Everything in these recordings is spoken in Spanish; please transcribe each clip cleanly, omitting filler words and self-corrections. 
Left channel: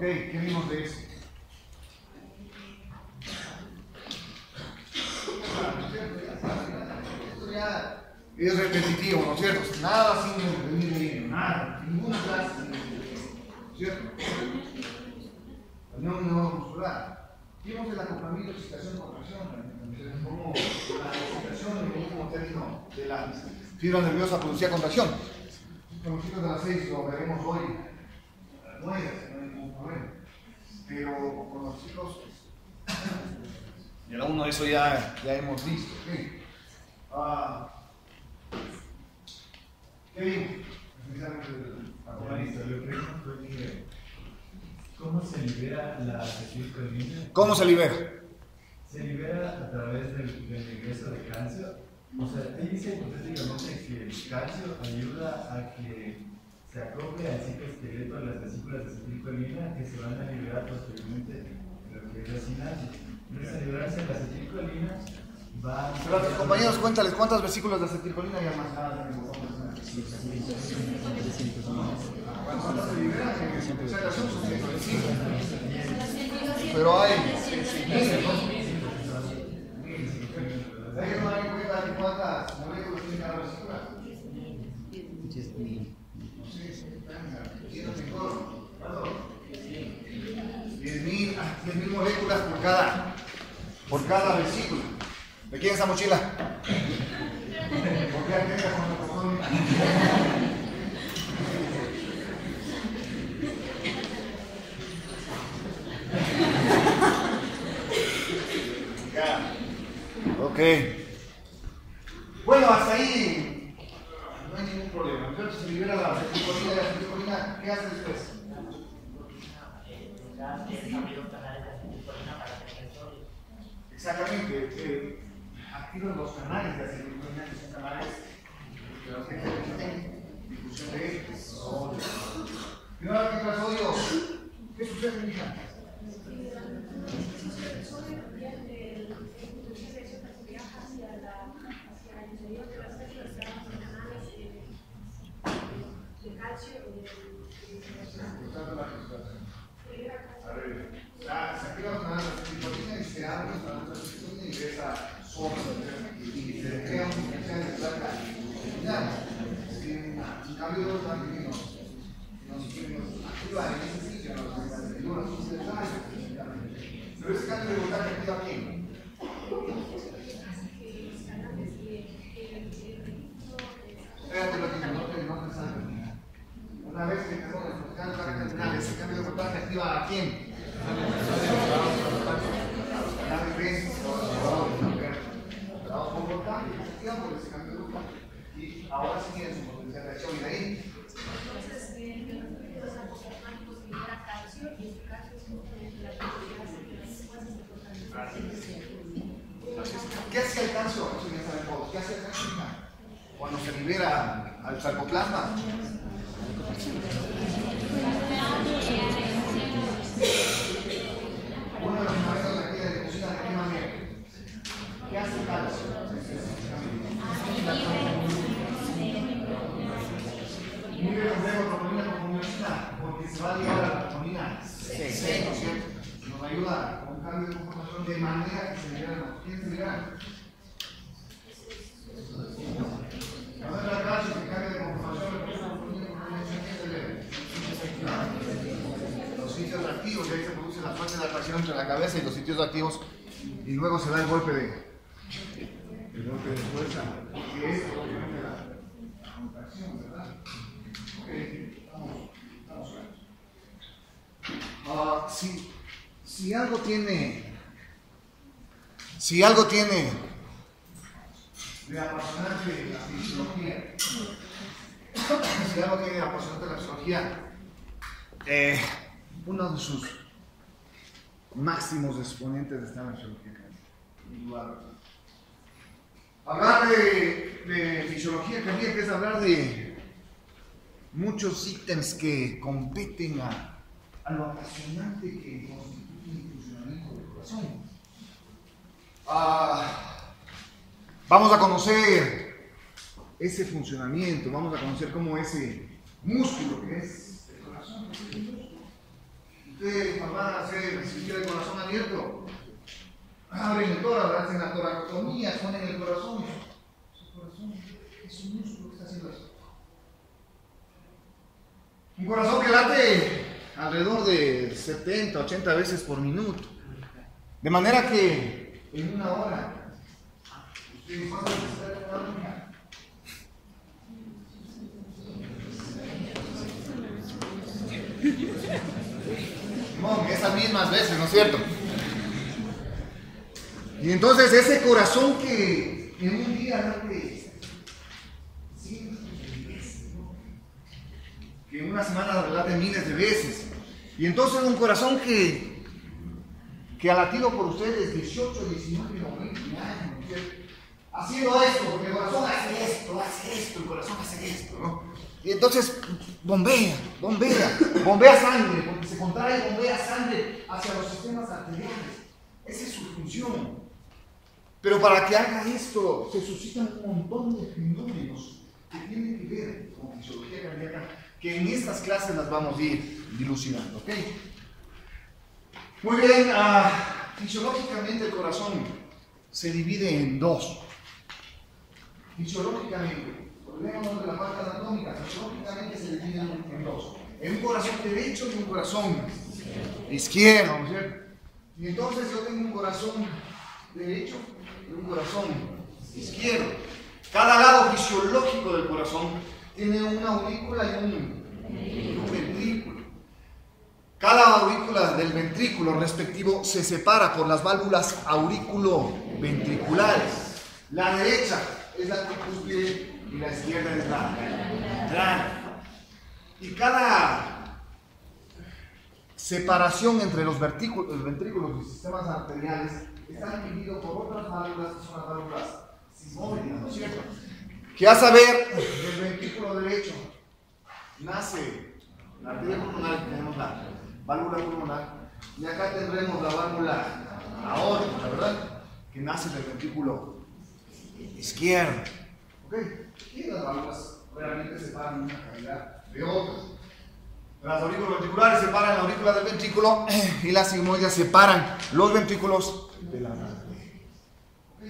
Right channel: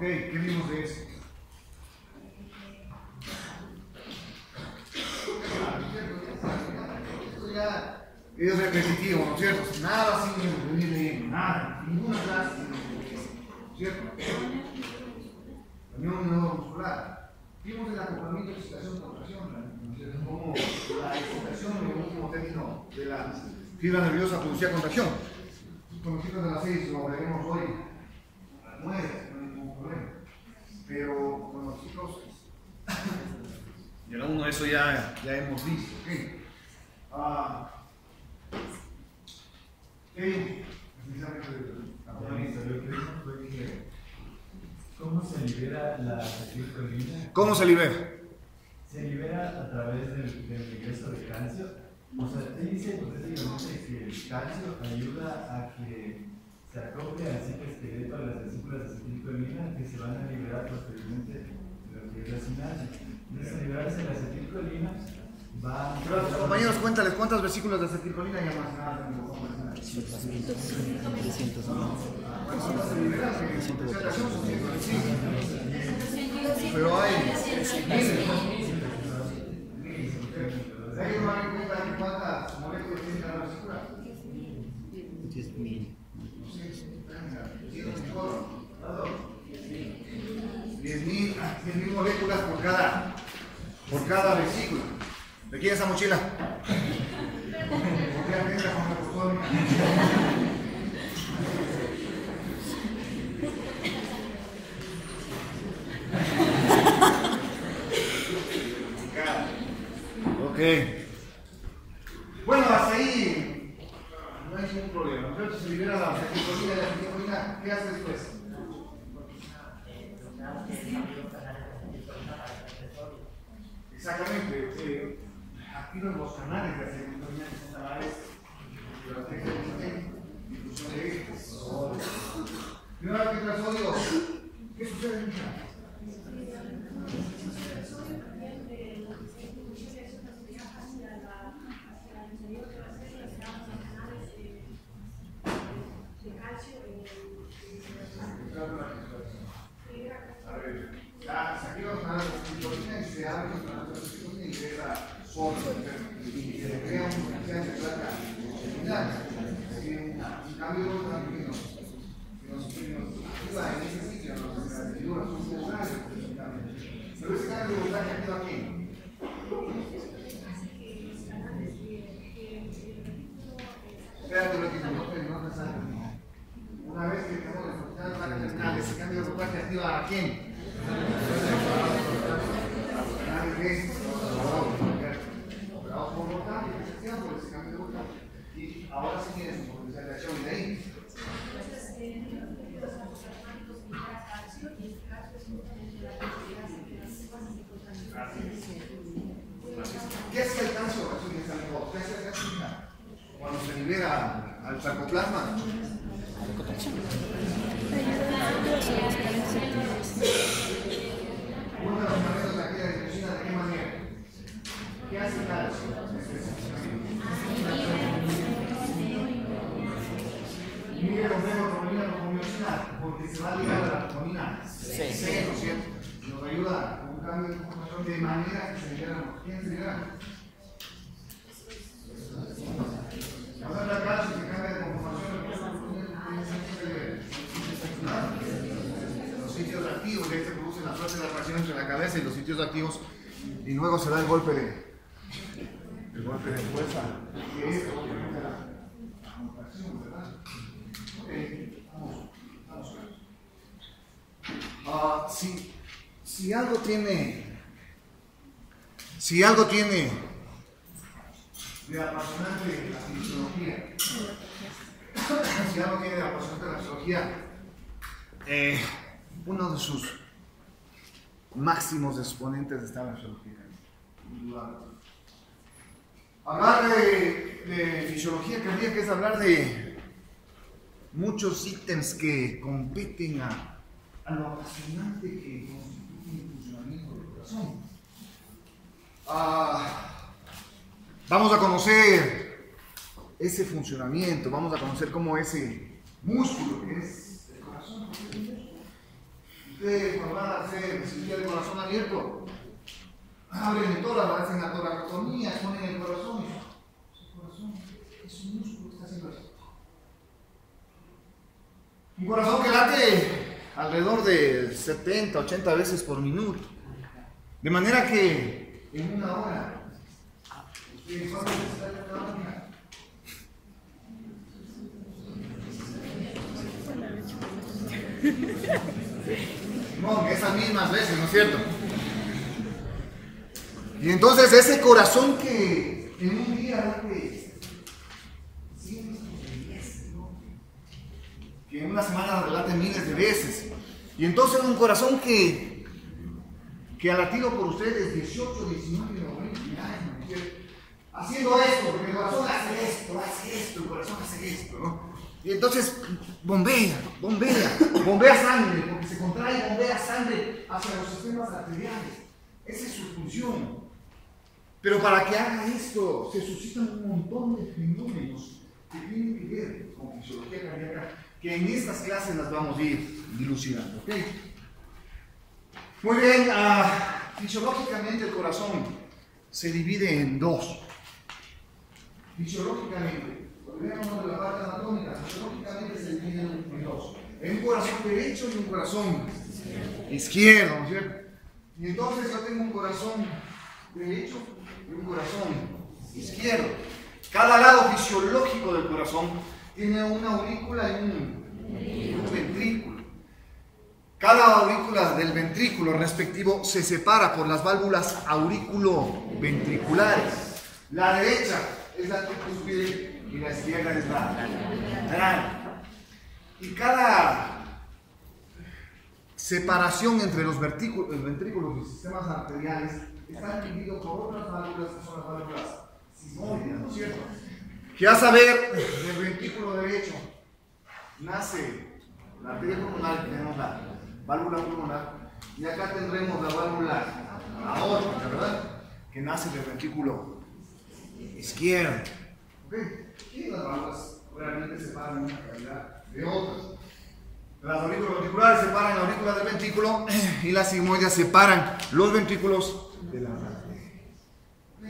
Ok, ¿qué vimos de eso? Esto ya es repetitivo, ¿no es cierto? Nada sin venir leyendo, nada, ninguna clase, ¿no es cierto? La unión neuromuscular. Vimos el acoplamiento, excitación, contracción, como la excitación en el último término de la fibra nerviosa producía contracción. Con los chicos de las 6 lo veremos hoy a las 9, no hay ningún problema. Pero con los chicos de la 1 eso ya hemos visto. ¿Okay? ¿Qué vimos? Especialmente del acoplamiento. Lo que vimos fue que ¿cómo se libera la acetilcolina? ¿Cómo se libera? Se libera a través del regreso de calcio. O sea, él dice hipotéticamente que el calcio ayuda a que se acople al citoesqueleto a las vesículas de acetilcolina que se van a liberar posteriormente en lo que es la sinapsis. Entonces, al liberarse la acetilcolina, va a... Pero, compañeros, cuéntales cuántas vesículas de acetilcolina ya más nada. ¿Cuántas se liberan? Pero hay miles, ¿no? ¿Hay que tomar en cuenta que cuántas moléculas tiene cada vesícula? 10.000. 10.000 moléculas por cada vesícula. ¿De quién es esa mochila? ¿Por qué atenta con la costómica? Ok. Bueno, hasta ahí no hay ningún problema. Entonces, si libera la acetilcolina y la acetilcolina, ¿qué hace después? Exactamente. Activan los canales de acetilcolina, que son canales de difusión de sodio. Y una vez que entra sodio, ¿qué sucede, mija? Se activan los canales de acetilcolina y se abren los canales de acetilcolina y ingresa sodio y se crea un potencial de placa terminal. En cambio, también nos activa en ese sitio, las figuras son voltajes. Pero ese cambio de voltaje activa aquí. Espérate lo que no te sale. Una vez que tenemos el potencial de placa terminal, ese cambio de voltaje activa a quién? Y ahora sí tiene su potencial de acción y de ahí. ¿Qué hace el calcio? Eso ya sabemos. ¿Qué hace el calcio cuando se libera al sarcoplasma? Uno de los fundamentos de aquí de la medicina, ¿de qué más bien? ¿Qué hace el calcio? Mire, rompemos troponina con miosina, porque se va a ligar a la troponina 6, ¿no es cierto? Nos ayuda con un cambio de conformación de manera que se liberan. ¿Quiénes se liberan? Cuando entra el calcio que cambia de conformación, los sitios activos, y ahí se produce la fuerza de atracción entre la cabeza y los sitios activos, y luego se da el golpe de fuerza, que es obviamente la contracción, ¿verdad? Ok, estamos claros. Si algo tiene de apasionante la fisiología, uno de sus máximos exponentes está en la fisiología, indudablemente. Hablar de fisiología cardíaca es hablar de muchos ítems que competen a lo apasionante que constituye el funcionamiento del corazón. Vamos a conocer ese funcionamiento, vamos a conocer cómo ese músculo que es el corazón, Ustedes cuando van a hacer cirugía del corazón abierto, abren el tórax, hacen la toracotomía, ponen el corazón. El corazón es un músculo que está haciendo eso. Un corazón que late alrededor de 70, 80 veces por minuto. De manera que en una hora, ustedes ¿cuántas veces está en una hora? Esas mismas veces, ¿no es cierto? Y entonces ese corazón que en un día late cientos de veces, ¿no? Que en una semana late miles de veces. Y entonces un corazón que ha latido por ustedes 18, 19 o 20 años, ¿no es cierto? Haciendo esto, porque el corazón hace esto, el corazón hace esto, ¿no? Y entonces bombea sangre, porque se contrae y bombea sangre hacia los sistemas arteriales. Esa es su función. Pero para que haga esto, se suscitan un montón de fenómenos que tienen que ver con fisiología cardíaca, que en estas clases las vamos a ir dilucidando, ¿ok? Muy bien, fisiológicamente el corazón se divide en dos. Fisiológicamente. Volvemos de la parte anatómica, fisiológicamente se dividen en dos. En un corazón derecho y un corazón izquierdo, ¿no es cierto? Y entonces yo tengo un corazón derecho y un corazón izquierdo. Cada lado fisiológico del corazón tiene una aurícula y un ventrículo. Cada aurícula del ventrículo respectivo se separa por las válvulas auriculoventriculares. La derecha es la tricúspide y la izquierda es la lateral. Y cada separación entre los ventrículos y sistemas arteriales está dividido por otras válvulas que son las válvulas sigmoides, ¿no es cierto? Que a saber, del ventrículo derecho nace la arteria pulmonar, tenemos la válvula pulmonar, y acá tendremos la válvula aórtica, ¿verdad? Que nace del ventrículo izquierdo. ¿Ok? Y las válvulas realmente separan una cavidad de otras. Las aurículas ventriculares separan la aurícula del ventrículo y las sigmoides separan los ventrículos de las arterias. ¿Ok?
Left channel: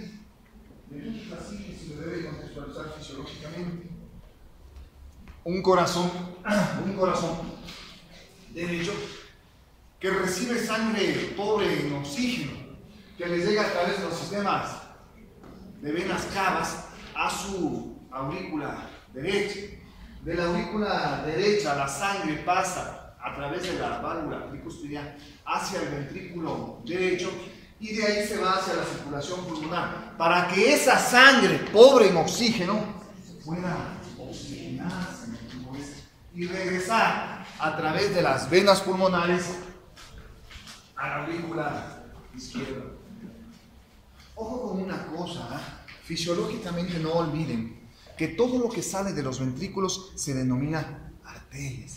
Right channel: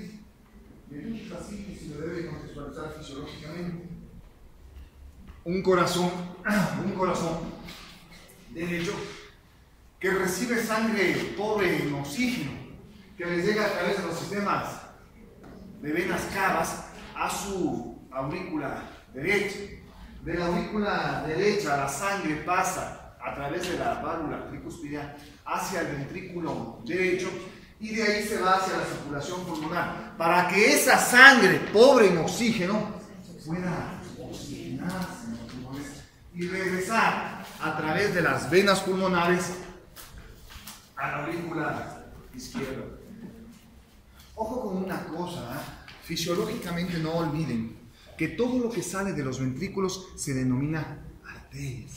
Y entonces así se debe contextualizar fisiológicamente. Un corazón derecho que recibe sangre pobre en oxígeno, que le llega a través de los sistemas de venas cavas a su aurícula derecha. De la aurícula derecha la sangre pasa a través de la válvula tricúspide hacia el ventrículo derecho y de ahí se va hacia la circulación pulmonar para que esa sangre pobre en oxígeno pueda oxigenarse y regresar a través de las venas pulmonares a la aurícula izquierda. Ojo con una cosa, fisiológicamente no olviden que todo lo que sale de los ventrículos se denomina arterias.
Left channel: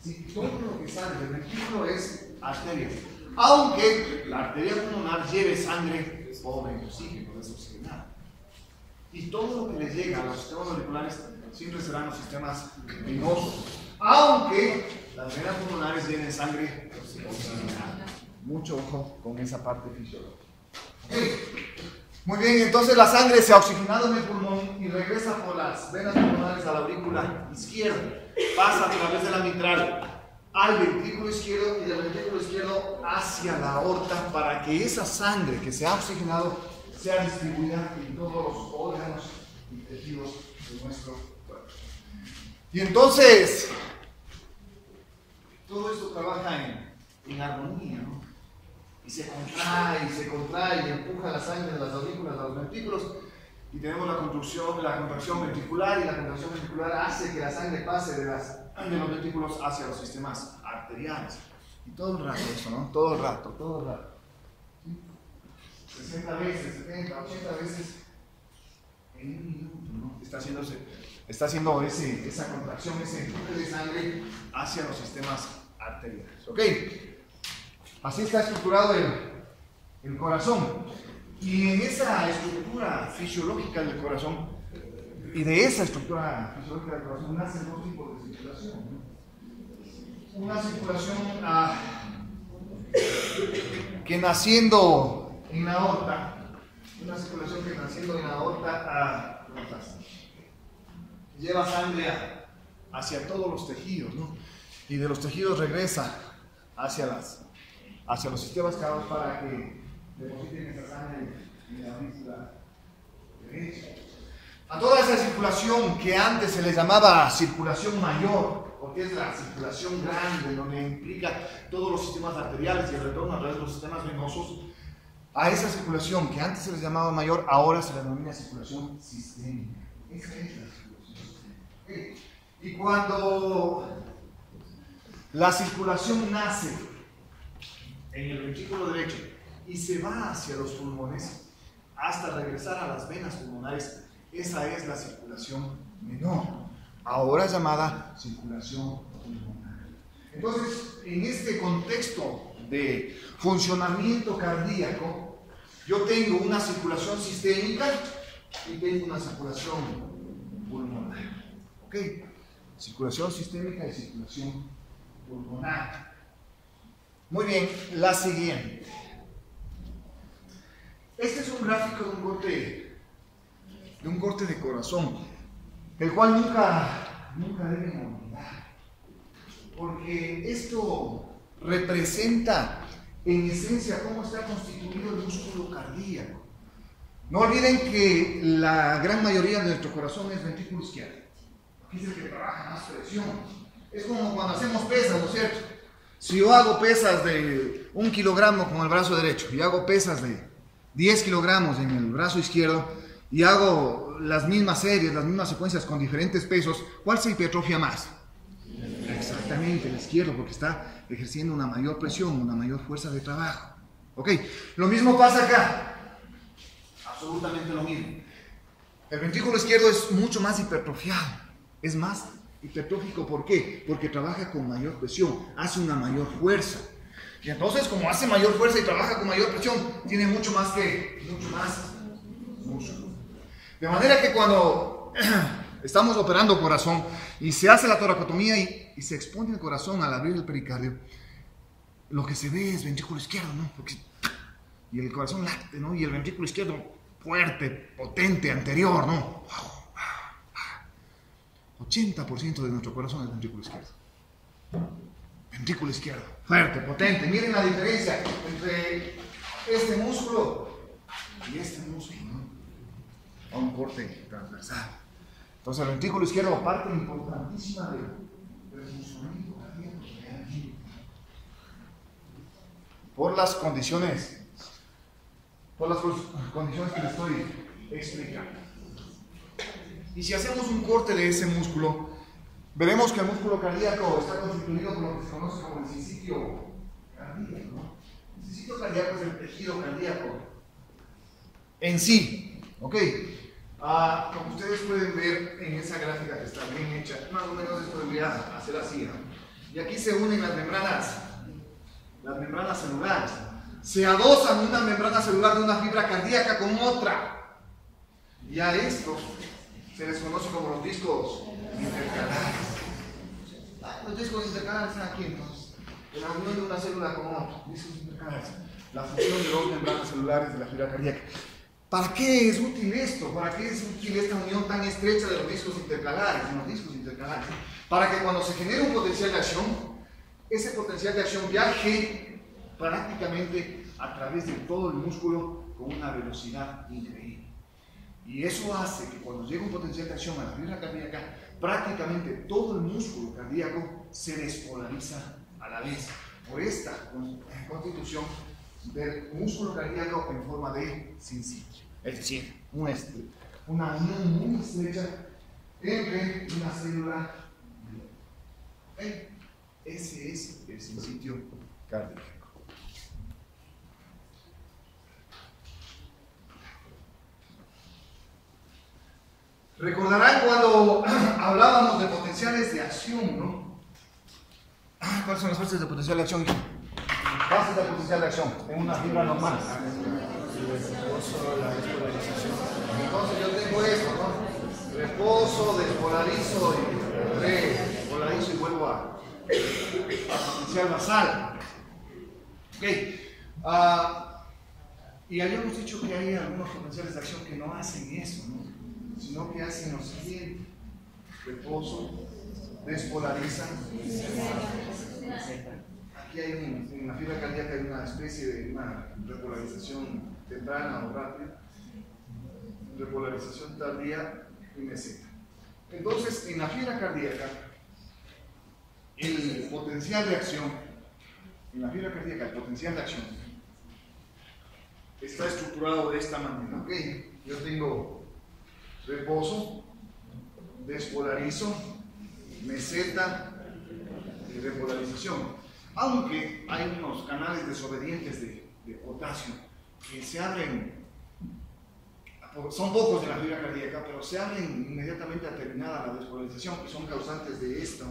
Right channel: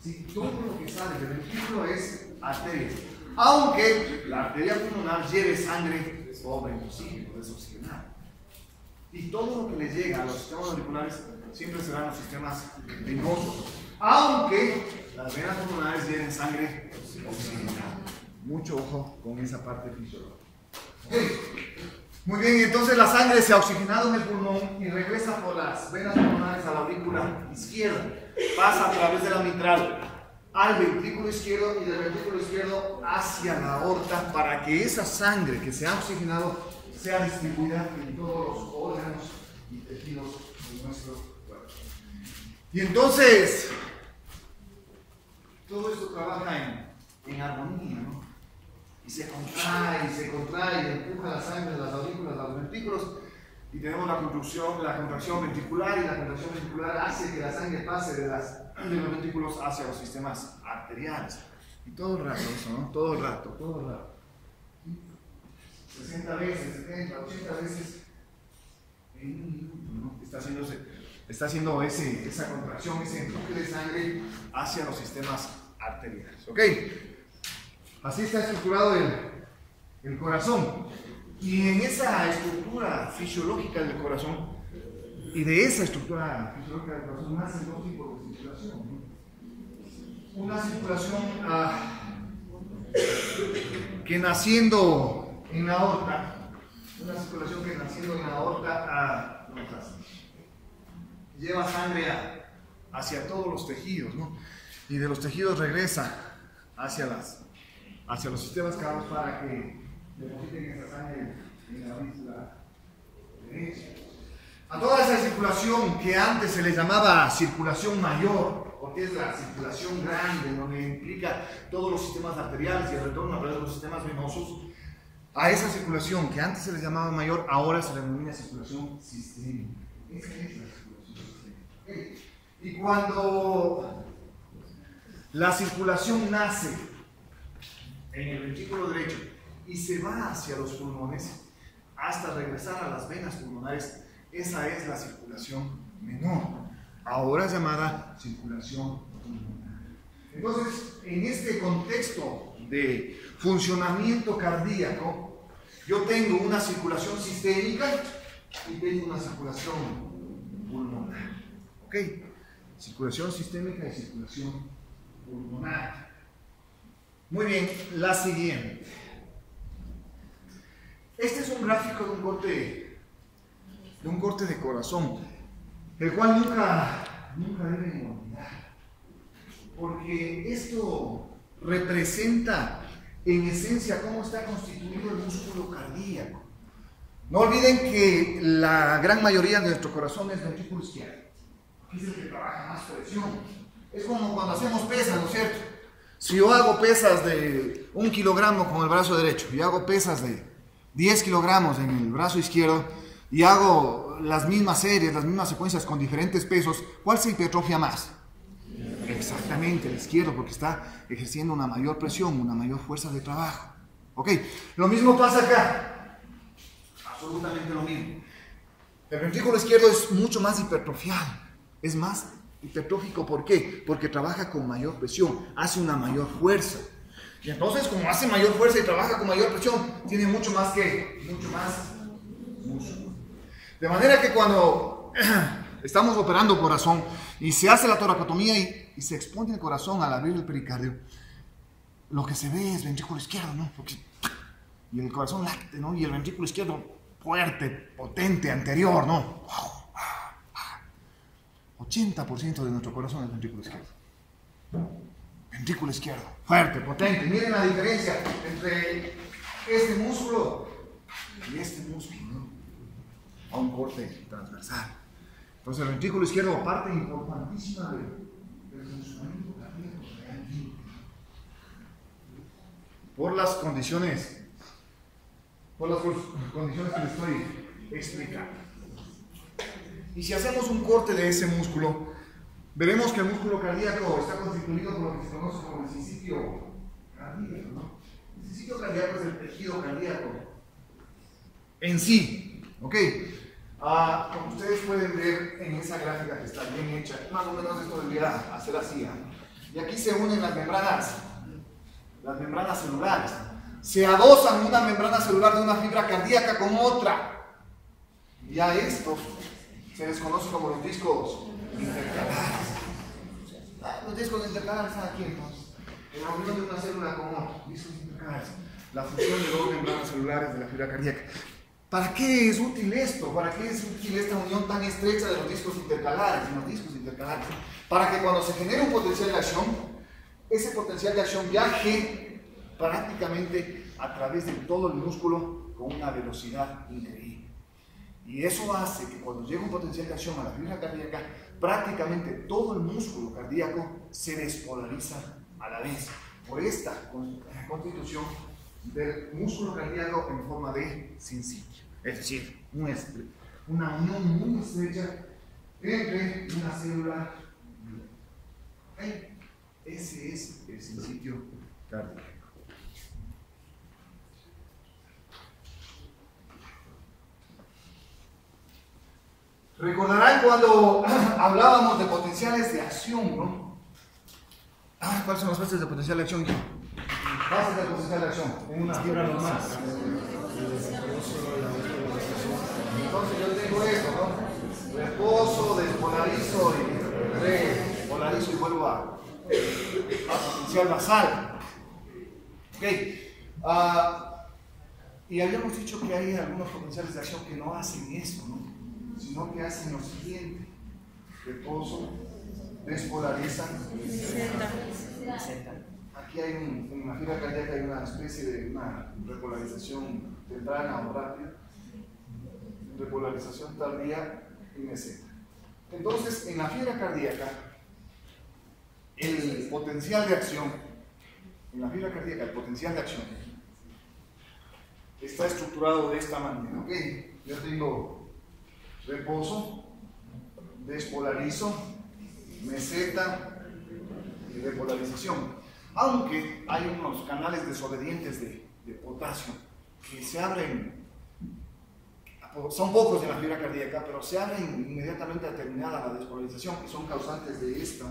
¿Sí? Todo lo que sale del ventrículo es arteria. Aunque la arteria pulmonar lleve sangre pobre en oxígeno, desoxigenada. Y todo lo que le llega a los sistemas auriculares siempre serán los sistemas venosos. Aunque las venas pulmonares lleven sangre oxigenada. Mucho ojo con esa parte fisiológica. Muy bien, entonces la sangre se ha oxigenado en el pulmón y regresa por las venas pulmonares a la aurícula izquierda. Pasa a través de la mitral al ventrículo izquierdo y del ventrículo izquierdo hacia la aorta para que esa sangre que se ha oxigenado sea distribuida en todos los órganos y tejidos de nuestro cuerpo. Y entonces, todo esto trabaja en armonía, ¿no? Y se contrae, y empuja la sangre de las aurículas a los ventrículos y tenemos la contracción ventricular y la contracción ventricular hace que la sangre pase de los ventrículos hacia los sistemas arteriales. Y todo el rato eso, ¿no? Todo el rato. 60 veces, 70, 80 veces en un minuto, ¿no? Está haciendo esa contracción, ese empuje de sangre hacia los sistemas arteriales. ¿Ok? Así está estructurado el corazón. Y en esa estructura fisiológica del corazón, y de esa estructura fisiológica del corazón, nacen dos tipos de circulación, ¿no? Una circulación que naciendo en la aorta, una circulación que naciendo en la aorta lleva sangre hacia todos los tejidos, ¿no? Y de los tejidos regresa hacia los sistemas cavados para que depositen esa sangre en la médula derecha. A toda esa circulación que antes se le llamaba circulación mayor, porque es la circulación grande, donde implica todos los sistemas arteriales y el retorno a través de los sistemas venosos, a esa circulación que antes se les llamaba mayor, ahora se le denomina circulación sistémica. Esa es la circulación sistémica. Y cuando la circulación nace en el ventrículo derecho y se va hacia los pulmones hasta regresar a las venas pulmonares, esa es la circulación menor, ahora llamada circulación pulmonar. Entonces, en este contexto de funcionamiento cardíaco, yo tengo una circulación sistémica y tengo una circulación pulmonar. ¿Ok? Circulación sistémica y circulación pulmonar. Muy bien, la siguiente. Este es un gráfico de un corte de corazón, el cual nunca deben olvidar, porque esto representa en esencia cómo está constituido el músculo cardíaco. No olviden que la gran mayoría de nuestro corazón es ventrículo izquierdo, porque es el que trabaja más presión. Es como cuando hacemos pesas, ¿no es cierto? Si yo hago pesas de 1 kilogramo con el brazo derecho y hago pesas de 10 kilogramos en el brazo izquierdo y hago las mismas series, las mismas secuencias con diferentes pesos, ¿cuál se hipertrofia más? Exactamente el izquierdo, porque está ejerciendo una mayor presión, una mayor fuerza de trabajo. ¿Ok? Lo mismo pasa acá. Absolutamente lo mismo. El ventrículo izquierdo es mucho más hipertrofiado, es más hipertrófico. ¿Por qué? Porque trabaja con mayor presión, hace una mayor fuerza. Y entonces, como hace mayor fuerza y trabaja con mayor presión, tiene mucho más músculo. De manera que cuando estamos operando corazón y se hace la toracotomía y se expone el corazón al abrir el pericardio, lo que se ve es ventrículo izquierdo, ¿no? Y el corazón late, ¿no? Y el ventrículo izquierdo fuerte, potente, anterior, ¿no? 80% de nuestro corazón es ventrículo izquierdo. Ventrículo izquierdo, fuerte, potente. Miren la diferencia entre este músculo y este músculo, ¿no? A un corte transversal. Entonces el ventrículo izquierdo, parte importantísima del funcionamiento cardíaco, por las condiciones que les estoy explicando. Y si hacemos un corte de ese músculo, veremos que el músculo cardíaco está constituido por lo que se conoce como el sincitio cardíaco, ¿no? El sincitio cardíaco es el tejido cardíaco en sí, ¿ok? Como ustedes pueden ver en esa gráfica que está bien hecha, más o menos esto debería hacer así, ¿eh? Y aquí se unen las membranas celulares. Se adosan una membrana celular de una fibra cardíaca con otra. Y a estos se les conoce como los discos intercalares. Los discos intercalares están aquí, entonces, en la unión de una célula con otra. Discos intercalares. La fusión de dos membranas celulares de la fibra cardíaca. ¿Para qué es útil esto? ¿Para qué es útil esta unión tan estrecha de los discos intercalares? Para que cuando se genere un potencial de acción, ese potencial de acción viaje prácticamente a través de todo el músculo con una velocidad increíble. Y eso hace que cuando llega un potencial de acción a la fibra cardíaca, prácticamente todo el músculo cardíaco se despolariza a la vez por esta constitución del músculo cardíaco en forma de sincitio. Es decir, una unión muy estrecha entre una célula y otra. Ese es el sincitio cardíaco. Recordarán cuando hablábamos de potenciales de acción, ¿no? ¿Cuáles son las fases de potencial de acción? Fases de potencial de acción en una fibra normal. Entonces yo tengo eso, ¿no? Reposo, despolarizo y repolarizo y vuelvo a potencial basal. ¿Ok? Y habíamos dicho que hay algunos potenciales de acción que no hacen eso, ¿no? Sino que hacen lo siguiente: reposo, despolarizan. Aquí hay en la fibra cardíaca hay una especie de una repolarización temprana o rápida, repolarización tardía y meseta. Entonces, en la fibra cardíaca, el potencial de acción, está estructurado de esta manera, ¿ok? Yo tengo reposo, despolarizo, meseta y repolarización. Aunque hay unos canales desobedientes de potasio que se abren, son pocos en la fibra cardíaca, pero se abren inmediatamente a terminada la despolarización, que son causantes de esto,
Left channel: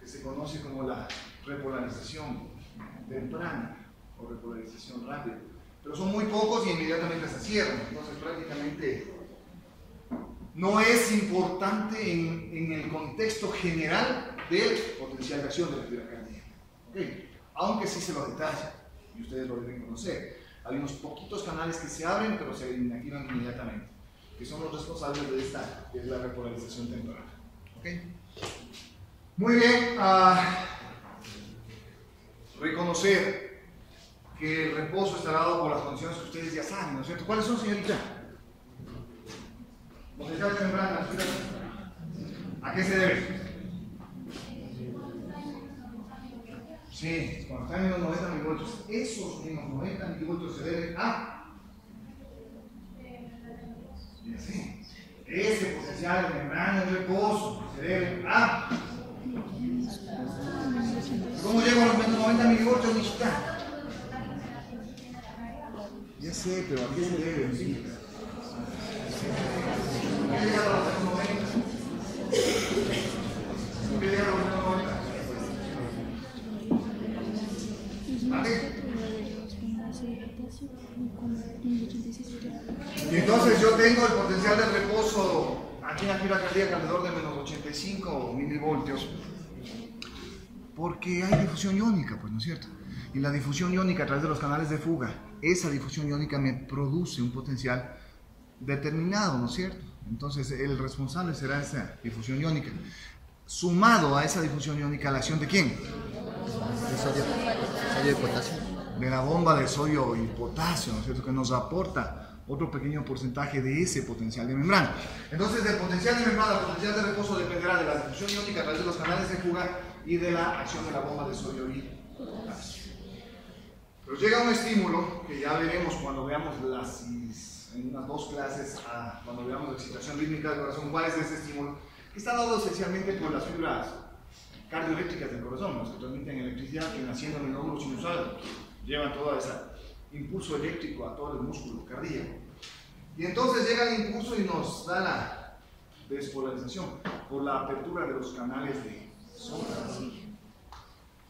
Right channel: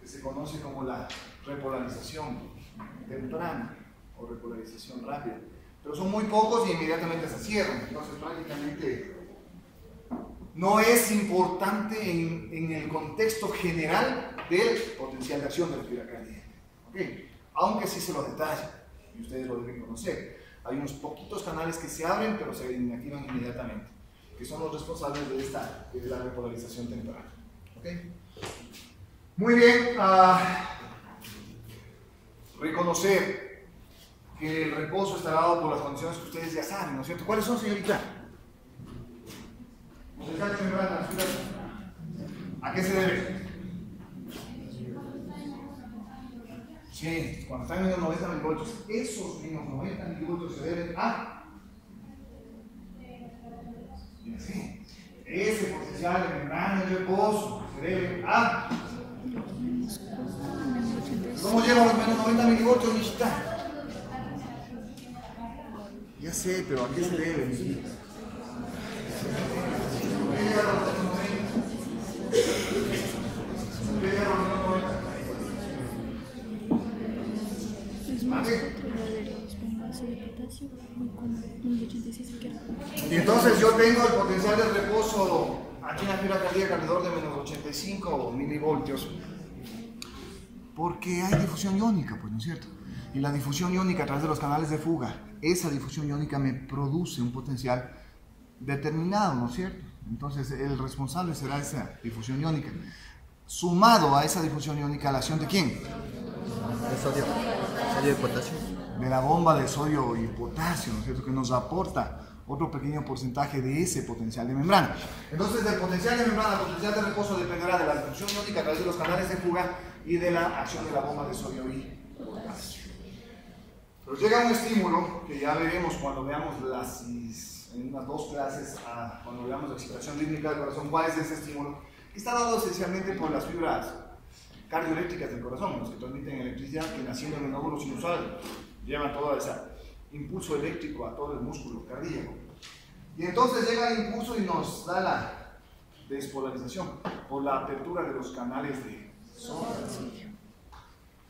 que se conoce como la repolarización temprana o repolarización rápida. Pero son muy pocos y inmediatamente se cierran, entonces prácticamente no es importante en el contexto general del potencial de acción de la fibra cardíaca. ¿Okay? Aunque sí se lo detalla y ustedes lo deben conocer. Hay unos poquitos canales que se abren pero se inactivan inmediatamente, que son los responsables de la repolarización temprana. ¿Okay? Muy bien. Reconocer que el reposo está dado por las condiciones que ustedes ya saben, ¿no es cierto? ¿Cuáles son, señorita? Potencial de membrana, ¿a qué se debe? Sí, cuando están en menos 90 milivoltios, esos menos 90 milivoltios se deben a... Y así, ese potencial de membrana en reposo se debe a... ¿Cómo llego a los menos 90 milivoltios, hijita? Ya sé, pero ¿a qué se debe, hijita? ¿Por qué llega a los menos 90? ¿Por qué llega a los menos 90? ¿Vale? Y entonces yo tengo el potencial de reposo aquí en la fibra cardíaca alrededor de menos 85 milivoltios, porque hay difusión iónica, pues, ¿no es cierto? Y la difusión iónica a través de los canales de fuga, esa difusión iónica me produce un potencial determinado, ¿no es cierto? Entonces el responsable será esa difusión iónica. Sumado a esa difusión iónica, ¿la acción de quién? De sodio y potasio. De la bomba de sodio y potasio, ¿no es cierto? Que nos aporta otro pequeño porcentaje de ese potencial de membrana. Entonces, del potencial de membrana al potencial de reposo dependerá de la difusión iónica a través de los canales de fuga y de la acción de la bomba de sodio y potasio. Pero llega un estímulo que ya veremos cuando veamos en unas 2 clases, cuando veamos la excitación rítmica del corazón. ¿Cuál es ese estímulo? Que está dado esencialmente por las fibras cardioeléctricas del corazón, los que transmiten electricidad, que naciendo en el nódulo sinusal llevan todo ese impulso eléctrico a todo el músculo cardíaco. Y entonces llega el impulso y nos da la despolarización por la apertura de los canales de sodio.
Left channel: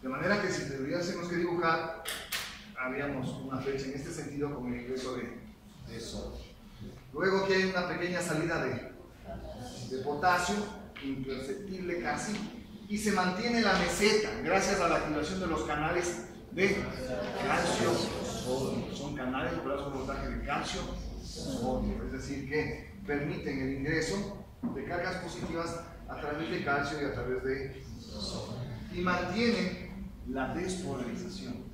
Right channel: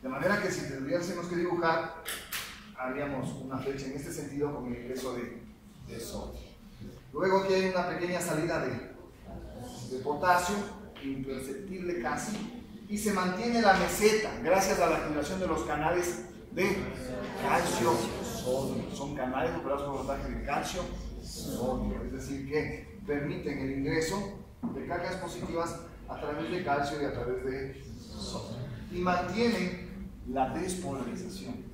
De manera que si tuviésemos que dibujar, haríamos una flecha en este sentido con el ingreso de sodio. Luego aquí hay una pequeña salida de potasio, imperceptible casi, y se mantiene la meseta gracias a la activación de los canales de calcio-sodio. Son canales operados por voltaje de calcio-sodio, es decir, que permiten el ingreso de cargas positivas a través de calcio y a través de sodio. Y mantienen la despolarización.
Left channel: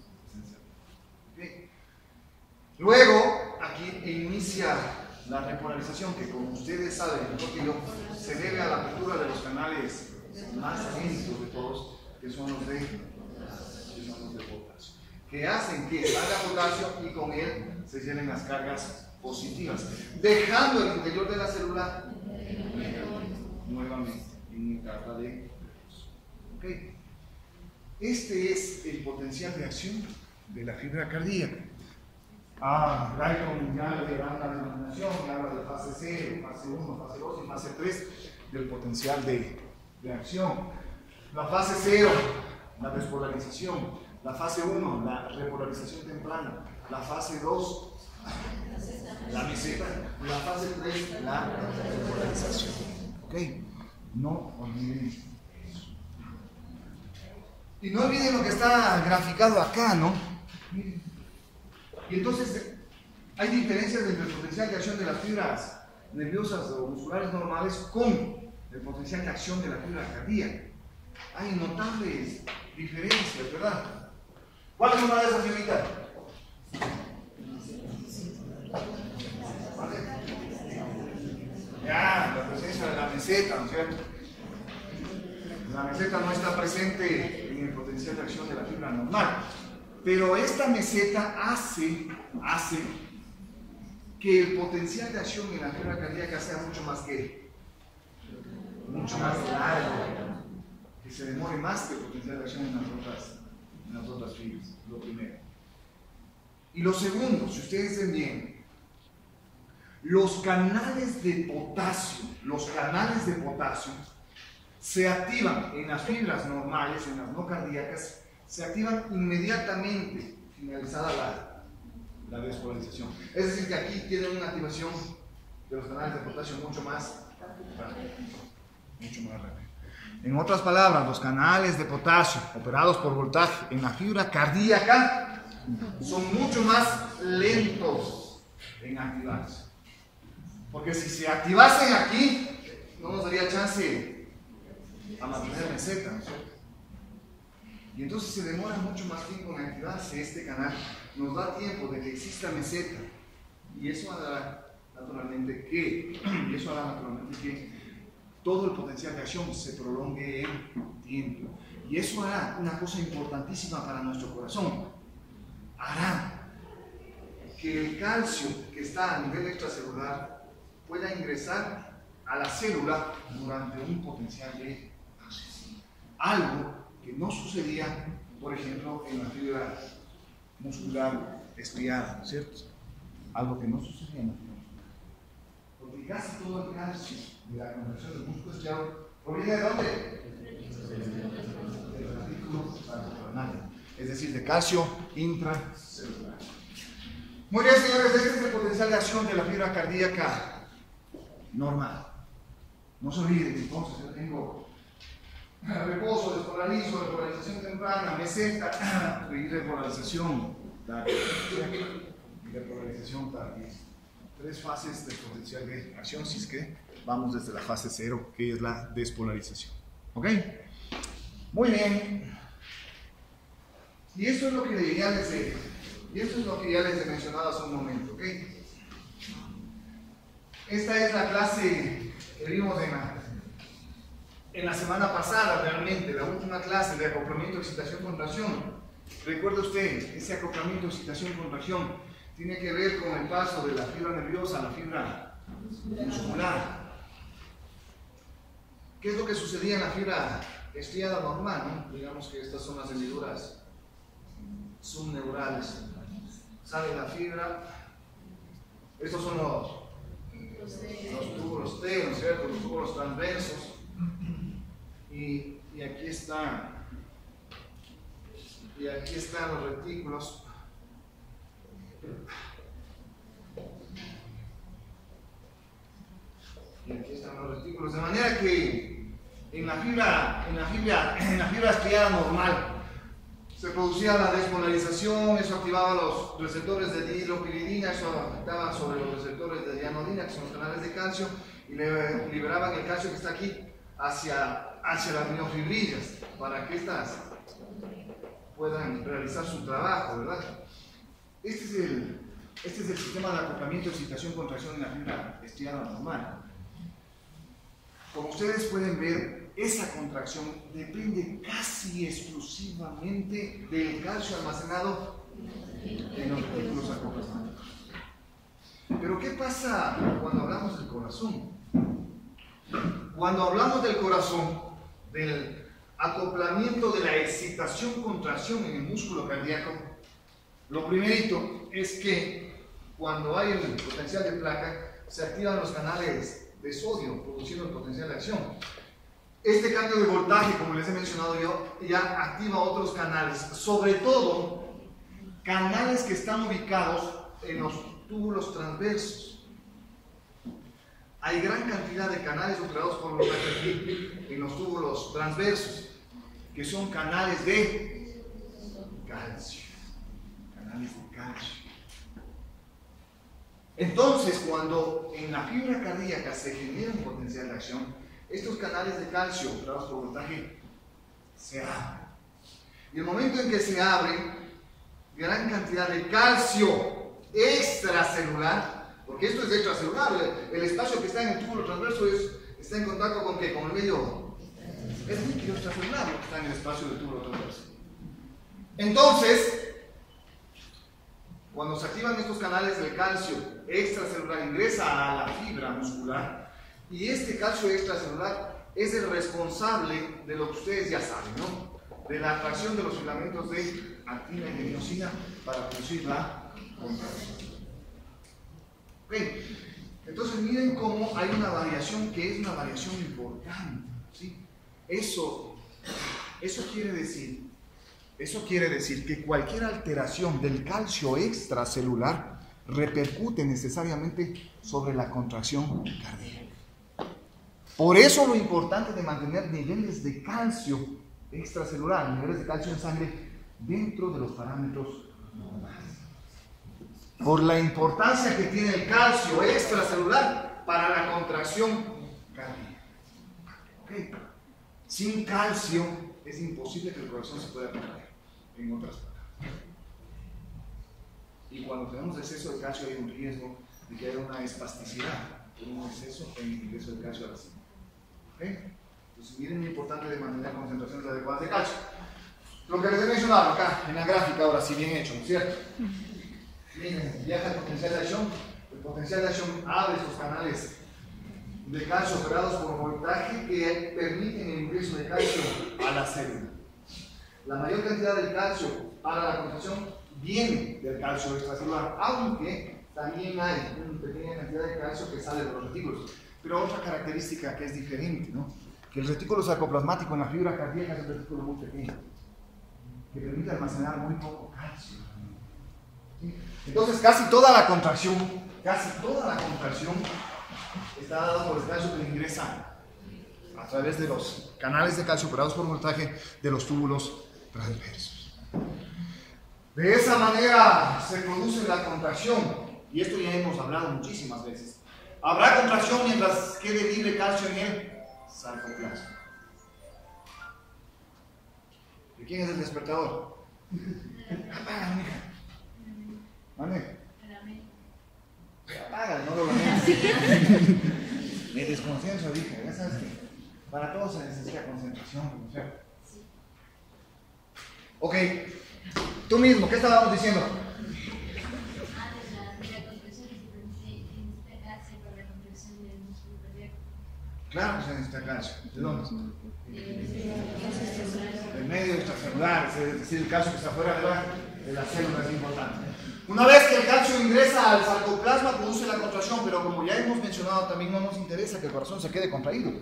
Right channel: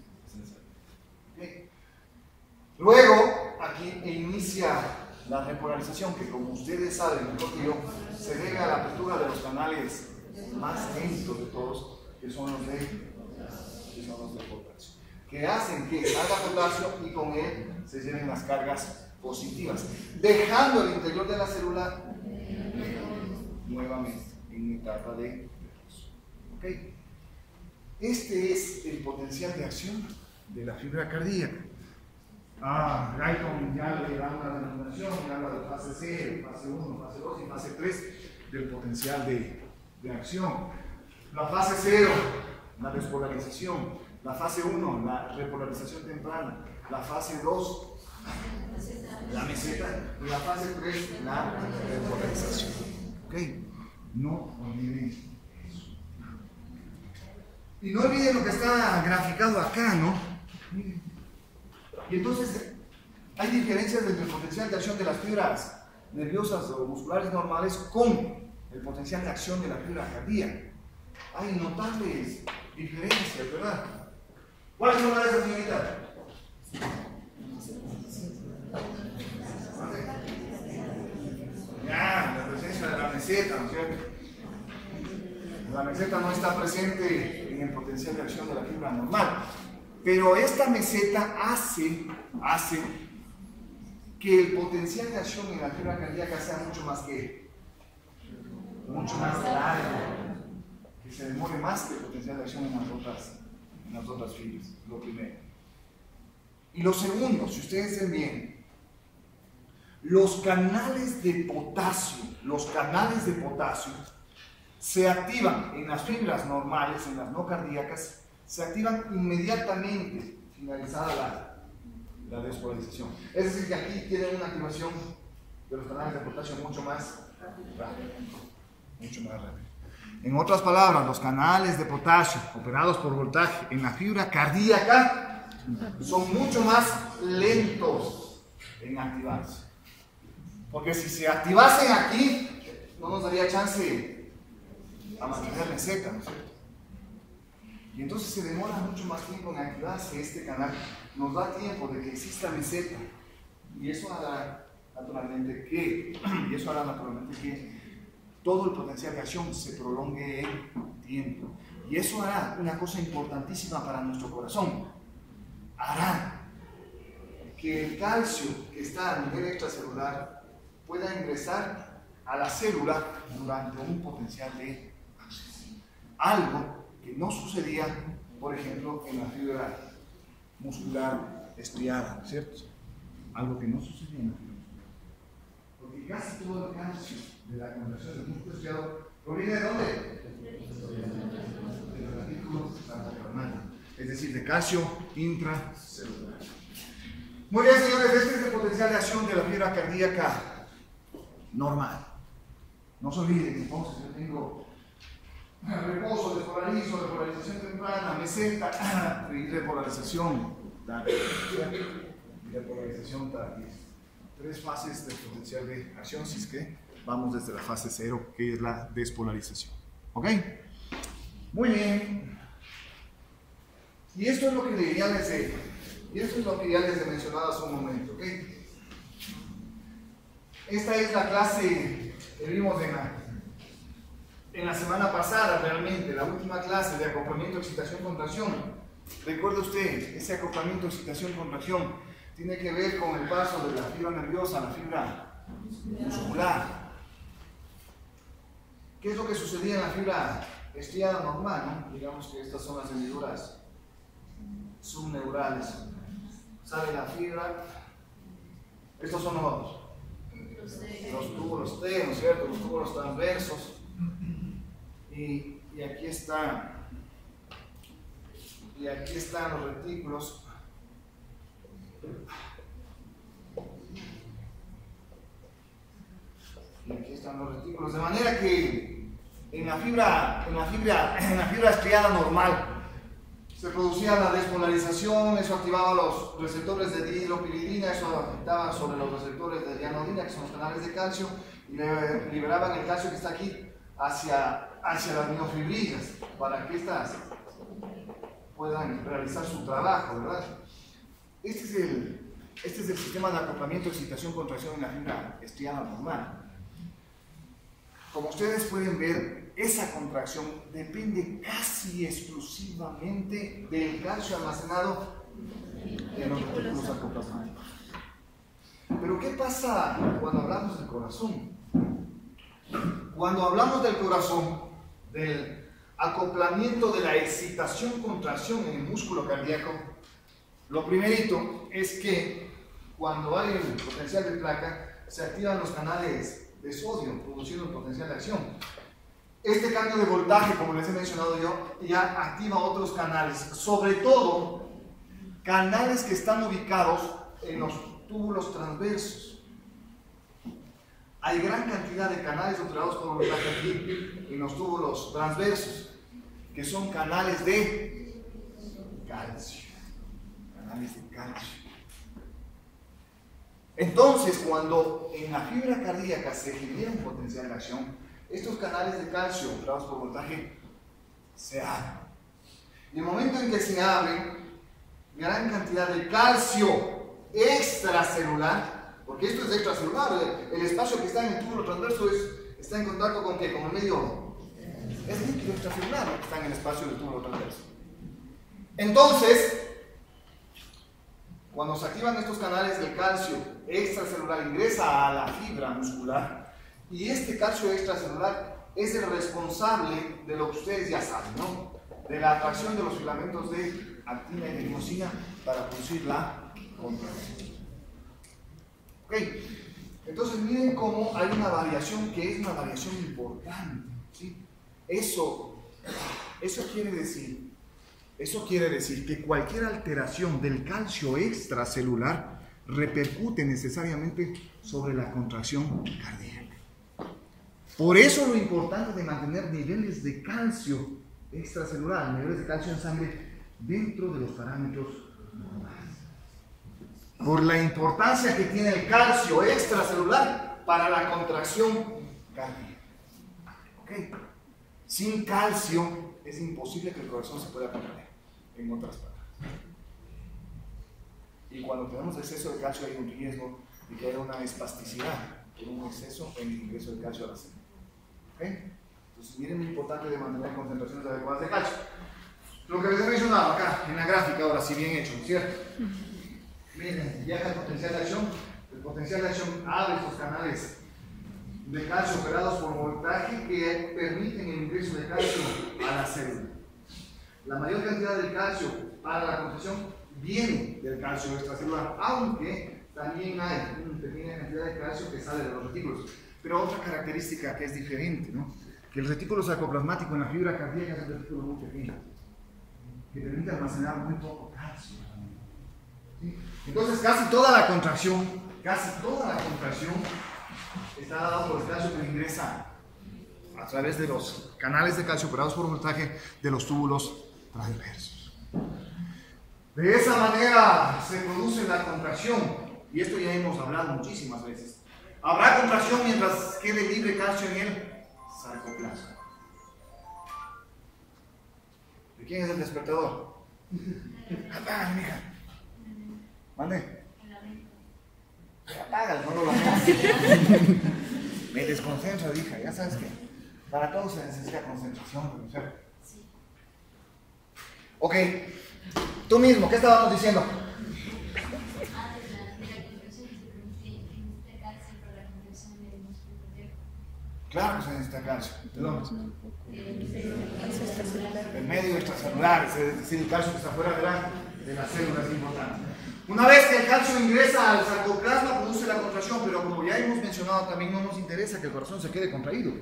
¿Okay? Luego, aquí inicia la repolarización, que como ustedes saben mejor que yo, se debe a la apertura de los canales más lentos de todos, que son los de potasio, que hacen que salga potasio y con él se lleven las cargas positivas, dejando el interior de la célula nuevamente en etapa de reposo. ¿Okay? Este es el potencial de acción de la fibra cardíaca. Guyton ya le da una denominación y habla de fase 0, fase 1, fase 2 y fase 3 del potencial de acción. La fase 0, la despolarización. La fase 1, la repolarización temprana. La fase 2, la meseta. Y la fase 3, la repolarización. ¿Ok? No olviden eso. Y no olviden lo que está graficado acá, ¿no? Miren. Y entonces hay diferencias entre el potencial de acción de las fibras nerviosas o musculares normales con el potencial de acción de la fibra cardíaca. Hay notables diferencias, ¿verdad? ¿Cuál es una de esas, señorita? Ya, la presencia de la meseta, ¿no es cierto? La meseta no está presente en el potencial de acción de la fibra normal, pero esta meseta hace que el potencial de acción en la fibra cardíaca sea mucho más largo, que se demore más que el potencial de acción en las otras fibras, lo primero. Y lo segundo, si ustedes ven bien, los canales de potasio se activan en las fibras normales, en las no cardíacas, se activan inmediatamente finalizada la despolarización. Es decir, que aquí tienen una activación de los canales de potasio mucho más rápida. En otras palabras, los canales de potasio operados por voltaje en la fibra cardíaca son mucho más lentos en activarse. Porque si se activasen aquí, no nos daría chance a mantener meseta, ¿no es cierto? Y entonces se demora mucho más tiempo en activarse este canal. Nos da tiempo de que exista meseta. Y eso hará naturalmente que todo el potencial de acción se prolongue en tiempo. Y eso hará una cosa importantísima para nuestro corazón. Hará que el calcio que está a nivel extracelular pueda ingresar a la célula durante un potencial de acción. Algo que no sucedía, por ejemplo, en la fibra muscular estriada, ¿cierto? Algo que no sucedía en la fibra muscular. Porque casi todo el calcio de la contracción del músculo estriado proviene de dónde? Del retículo sarcoplasmático, es decir, de calcio intracelular. Muy bien, señores, este es el potencial de acción de la fibra cardíaca normal. No se olvide que entonces yo tengo reposo, despolarizo, repolarización temprana, meseta y repolarización tardía. Tres fases de potencial de acción, si es que vamos desde la fase 0, que es la despolarización. ¿Ok? Muy bien. Y esto es lo que ya les he mencionado hace un momento. ¿Ok? Esta es la clase que vimos en la semana pasada, realmente, la última clase de acoplamiento, excitación, contracción. Recuerda usted, ese acoplamiento, excitación, contracción tiene que ver con el paso de la fibra nerviosa a la fibra muscular. ¿Qué es lo que sucedía en la fibra estriada normal, ¿no? Digamos que estas son las hendiduras subneurales. Sale la fibra. Estos son los túbulos T, ¿no es cierto? Los túbulos transversos. Y aquí están los retículos. Y aquí están los retículos. De manera que en la fibra estriada normal se producía la despolarización, eso activaba los receptores de dihidropiridina, eso afectaba sobre los receptores de dianodina, que son los canales de calcio, y liberaban el calcio que está aquí hacia las miofibrillas, para que estas puedan realizar su trabajo, ¿verdad? Este es el sistema de acoplamiento, excitación, contracción en la fibra estriada normal. Como ustedes pueden ver, esa contracción depende casi exclusivamente del calcio almacenado en los retículos sarcoplasmáticos. Pero ¿qué pasa cuando hablamos del corazón? Cuando hablamos del corazón, del acoplamiento de la excitación-contracción en el músculo cardíaco, lo primerito es que cuando hay el potencial de placa, se activan los canales de sodio, produciendo el potencial de acción. Este cambio de voltaje, como les he mencionado yo, ya activa otros canales, sobre todo canales que están ubicados en los túbulos transversos. Hay gran cantidad de canales operados por voltaje aquí en los túbulos transversos, que son canales de calcio. canales de calcio. Entonces, cuando en la fibra cardíaca se genera un potencial de acción, estos canales de calcio operados por voltaje se abren. Y el momento en que se abren, gran cantidad de calcio extracelular, porque esto es extracelular, el espacio que está en el túbulo transverso está en contacto con ¿qué? Con el medio. Es líquido extracelular lo que está en el espacio del túbulo transverso. Entonces, cuando se activan estos canales del calcio extracelular, ingresa a la fibra muscular, y este calcio extracelular es el responsable de lo que ustedes ya saben, ¿no? De la atracción de los filamentos de actina y de miosina para producir la contracción. Ok, entonces miren cómo hay una variación que es una variación importante, ¿sí? Eso quiere decir que cualquier alteración del calcio extracelular repercute necesariamente sobre la contracción cardíaca. Por eso lo importante de mantener niveles de calcio extracelular, niveles de calcio en sangre dentro de los parámetros normales. Por la importancia que tiene el calcio extracelular para la contracción cardíaca. ¿Okay? Sin calcio es imposible que el corazón se pueda contraer, en otras palabras. Y cuando tenemos exceso de calcio hay un riesgo de que haya una espasticidad por un exceso en el ingreso de calcio a la sangre. ¿Okay? Entonces miren lo importante de mantener concentraciones adecuadas de calcio. Lo que les he mencionado acá en la gráfica, ahora sí bien hecho, ¿cierto? Miren, viaja el potencial de acción. El potencial de acción abre estos canales de calcio operados por voltaje que permiten el ingreso de calcio a la célula. La mayor cantidad del calcio para la contracción viene del calcio extracelular, aunque también hay una pequeña cantidad de calcio que sale de los retículos. Pero otra característica que es diferente, ¿no? Que el retículo sarcoplasmático en la fibra cardíaca es un retículo muy pequeño, que permite almacenar muy poco calcio. ¿Sí? Entonces casi toda la contracción está dada por el calcio que ingresa a través de los canales de calcio operados por voltaje de los túbulos transversos. De esa manera se produce la contracción, y esto ya hemos hablado muchísimas veces. Habrá contracción mientras quede libre calcio en el sarcoplasma. ¿De quién es el despertador? Apaga, mija. ¿Mande? Apaga, no lo lamentes. Me desconcentro, hija. Ya sabes que para todo se necesita concentración. Ok. Tú mismo, ¿qué estábamos diciendo? Claro que se necesita calcio. ¿De dónde? Del medio extracelular, es decir, el calcio que está fuera de la célula es importante. Una vez que el calcio ingresa al sarcoplasma, produce la contracción, pero como ya hemos mencionado, también no nos interesa que el corazón se quede contraído.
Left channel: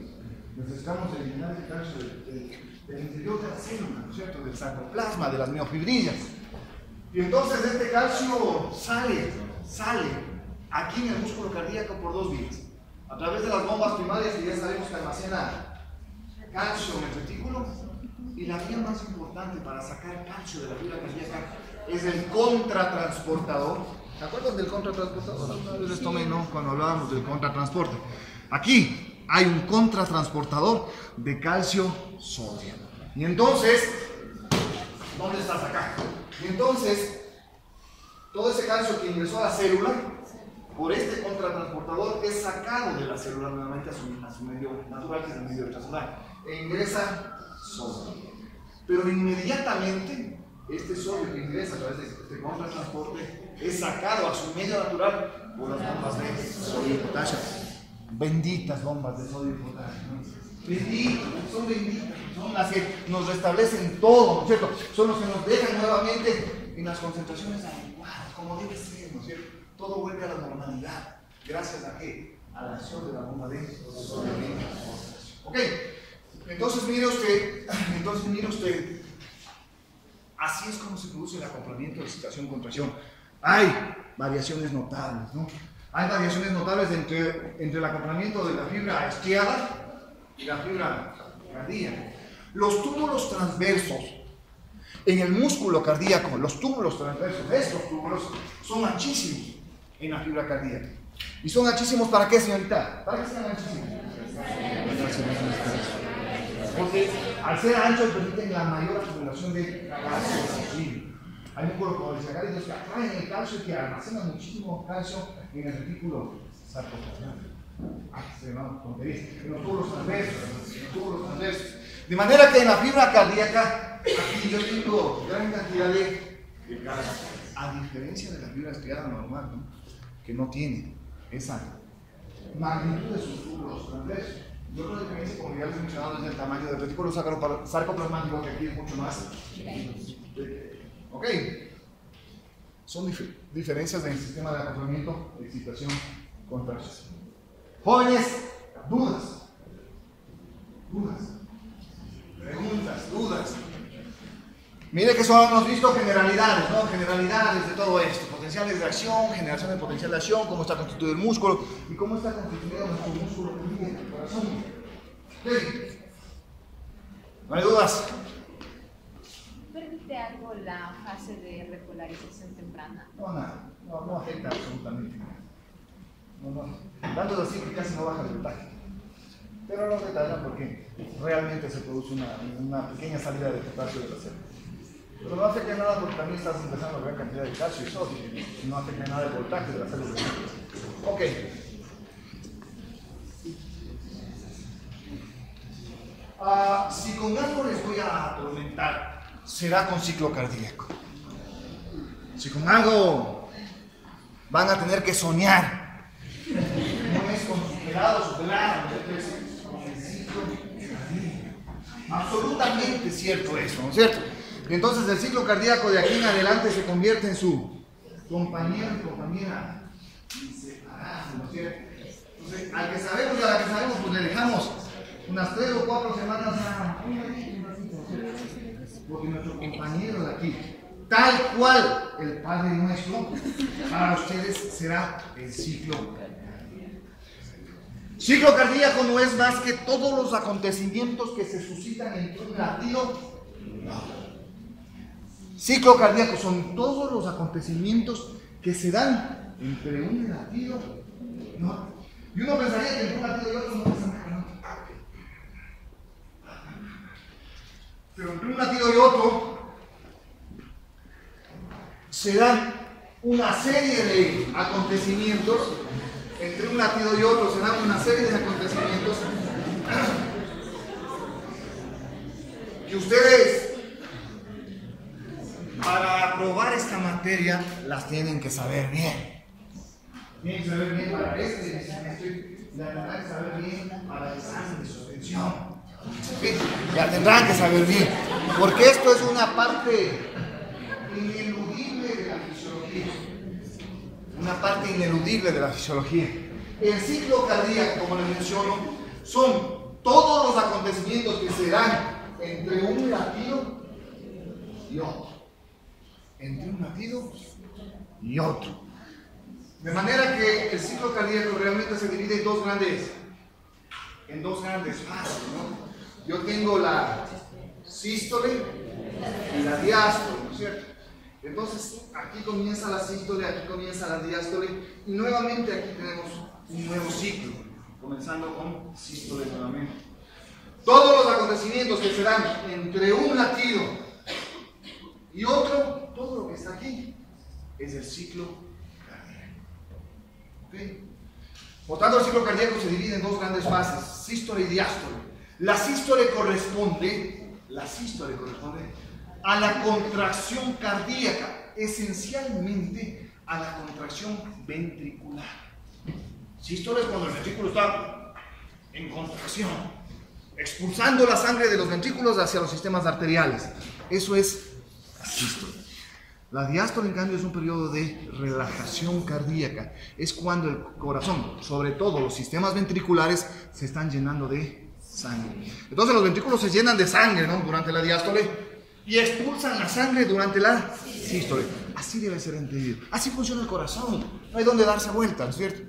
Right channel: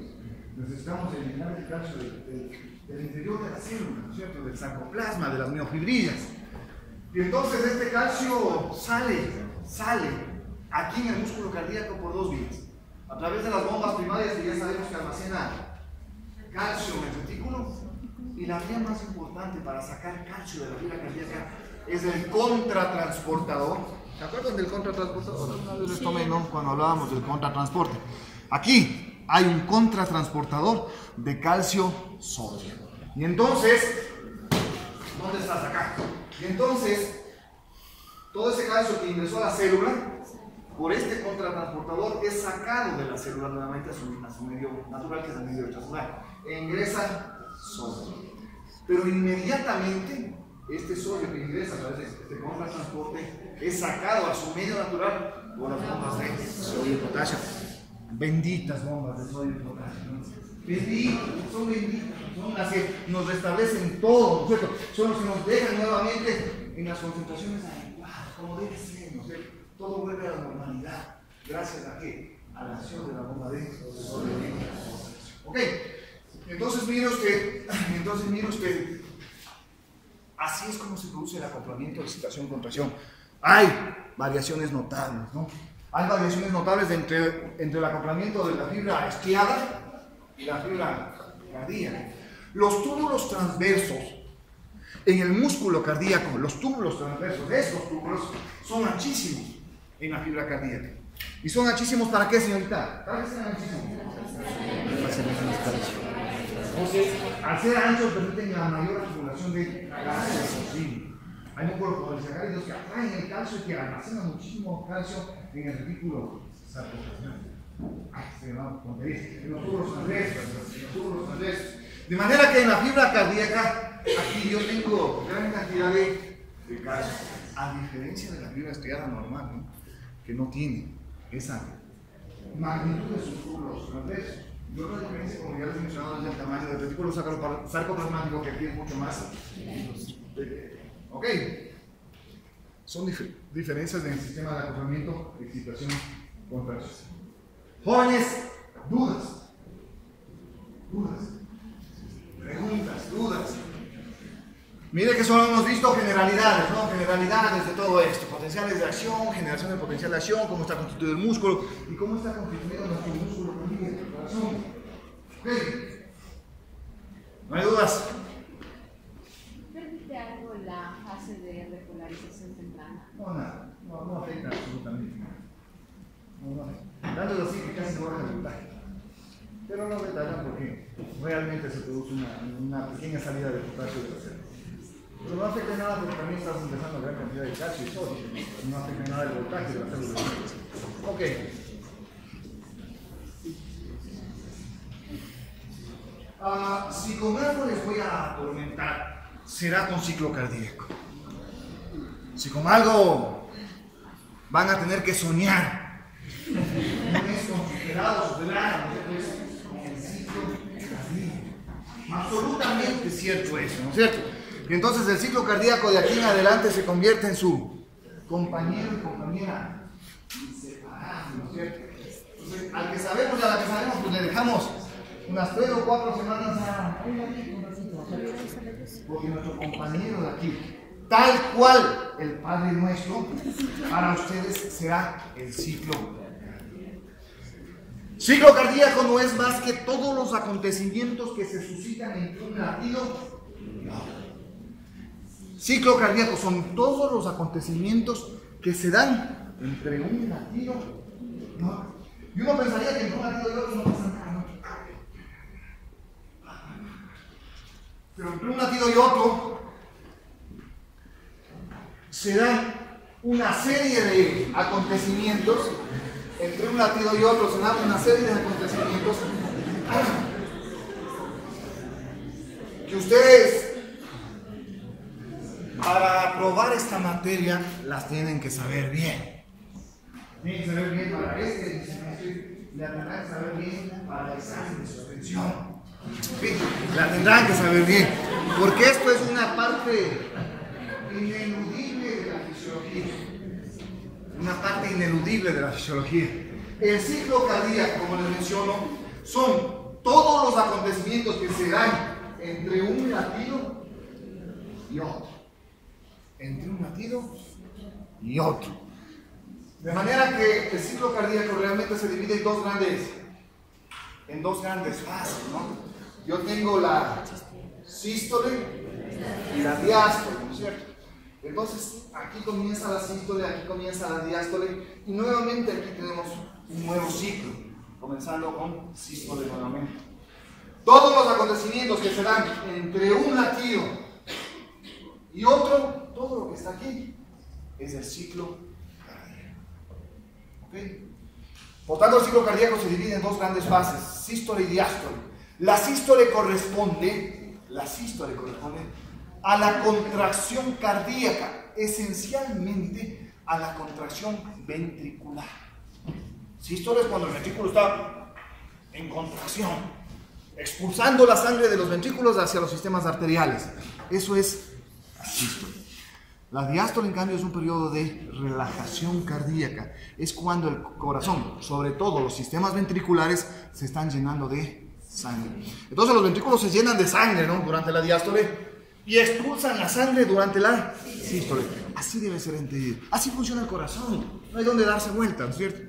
Necesitamos eliminar el calcio del interior de la célula, ¿no es cierto? Del sarcoplasma, de las miofibrillas. Y entonces este calcio sale aquí en el músculo cardíaco por dos vías. A través de las bombas primarias, que ya sabemos que almacena calcio en el retículo, y la vía más importante para sacar calcio de la fibra cardíaca es el contratransportador. ¿Se acuerdan del contratransportador? Alguna vez les tomé, ¿no? Cuando hablábamos del contratransporte. Aquí hay un contratransportador de calcio-sodio. Y entonces, ¿dónde estás acá? Y entonces, todo ese calcio que ingresó a la célula, por este contratransportador, es sacado de la célula nuevamente a su medio natural, que es el medio extracelular, e ingresa sodio. Pero inmediatamente, este sodio que ingresa a través de este contratransporte es sacado a su medio natural por las bombas de sodio y potasio. Benditas bombas de sodio y potasio, ¿no? Benditas, son benditas, son las que nos restablecen todo, ¿no es cierto? Son los que nos dejan nuevamente en las concentraciones adecuadas, como debe ser, ¿no es cierto? Todo vuelve a la normalidad. ¿Gracias a qué? A la acción de la bomba de sodio y potasio. Ok, entonces mire usted, así es como se produce el acoplamiento de excitación-contracción. Hay variaciones notables, ¿no? Hay variaciones notables entre el acoplamiento de la fibra isquiada y la fibra cardíaca. Los túbulos transversos En el músculo cardíaco, los túbulos transversos, estos túbulos son anchísimos en la fibra cardíaca. ¿Y son anchísimos para qué, señorita? ¿Para qué sean anchísimos? Entonces, al ser anchos, permiten la mayor acumulación de calcio posible. Hay músculos polisacáridos que atraen el calcio y que almacenan muchísimo calcio en el retículo sarcoplasmático. Se llama tonterías. En los túbulos transversos. De manera que en la fibra cardíaca, aquí yo tengo gran cantidad de calcio. A diferencia de la fibra estriada normal, ¿no? Que no tiene esa magnitud de sus túbulos transversos. Y otra diferencia, como ya les he mencionado, es el tamaño del retículo sarcoplasmático, que aquí es mucho más. Ok. Son diferencias en el sistema de acoplamiento, excitación, contracción. Jóvenes, dudas. Preguntas, dudas. Mire que solo hemos visto generalidades, ¿no? Generalidades de todo esto. Potenciales de acción, generación del potencial de acción, cómo está constituido el músculo y cómo está constituido nuestro músculo el corazón. ¿Okay? ¿No hay dudas? ¿Permite algo la fase de repolarización temprana? No, nada. No afecta absolutamente nada. No. Tanto así que casi no baja el voltaje. Pero no detallan porque realmente se produce una pequeña salida de potasio de la célula. Pero no afecta nada porque también estás empezando a ver cantidad de calcio y sodio. No afecta nada el voltaje de la célula. Ok. Si con algo les voy a atormentar, será con ciclo cardíaco. Si con algo van a tener que soñar, no es con sus helados velados, es con el ciclo cardíaco. Absolutamente cierto eso, ¿no es cierto? Y entonces el ciclo cardíaco de aquí en adelante se convierte en su compañero y compañera inseparables, ¿no es cierto? Entonces, al que sabemos y a la que sabemos, pues le dejamos unas 3 o 4 semanas a un ratito, ¿no es cierto? Porque nuestro compañero de aquí, tal cual el Padre Nuestro, para ustedes será el ciclo cardíaco. Ciclo cardíaco no es más que todos los acontecimientos que se suscitan entre un latido y otro. Ciclo cardíaco son todos los acontecimientos que se dan entre un latido y otro. Y uno pensaría que entre un latido y otro no pasa nada, ¿no? Pero entre un latido y otro se dan una serie de acontecimientos. Entre un latido y otro se dan una serie de acontecimientos que ustedes, para probar esta materia, las tienen que saber bien. Tienen que saber bien para este semestre y la tendrán que saber bien para el examen de suspensión. ¿Sí? La tendrán que saber bien, porque esto es una parte ineludible de la fisiología. Una parte ineludible de la fisiología. El ciclo cardíaco, como les menciono, son todos los acontecimientos que se dan entre un latido y otro. Entre un latido y otro. De manera que el ciclo cardíaco realmente se divide en dos grandes fases, ¿no? Yo tengo la sístole y la diástole, ¿no es cierto? Entonces, aquí comienza la sístole, aquí comienza la diástole, y nuevamente aquí tenemos un nuevo ciclo, comenzando con sístole nuevamente. Todos los acontecimientos que se dan entre un latido y otro, todo lo que está aquí, es el ciclo cardíaco. ¿Okay? Por tanto, el ciclo cardíaco se divide en dos grandes fases, sístole y diástole. La sístole corresponde a la contracción cardíaca, esencialmente a la contracción ventricular. Sístole es cuando el ventrículo está en contracción, expulsando la sangre de los ventrículos hacia los sistemas arteriales. Eso es la sístole. La diástole, en cambio, es un periodo de relajación cardíaca. Es cuando el corazón, sobre todo los sistemas ventriculares, se están llenando de sangre. Entonces los ventrículos se llenan de sangre, ¿no? Durante la diástole y expulsan la sangre durante la sístole. Así debe ser entendido. Así funciona el corazón. No hay donde darse vuelta, ¿no es cierto?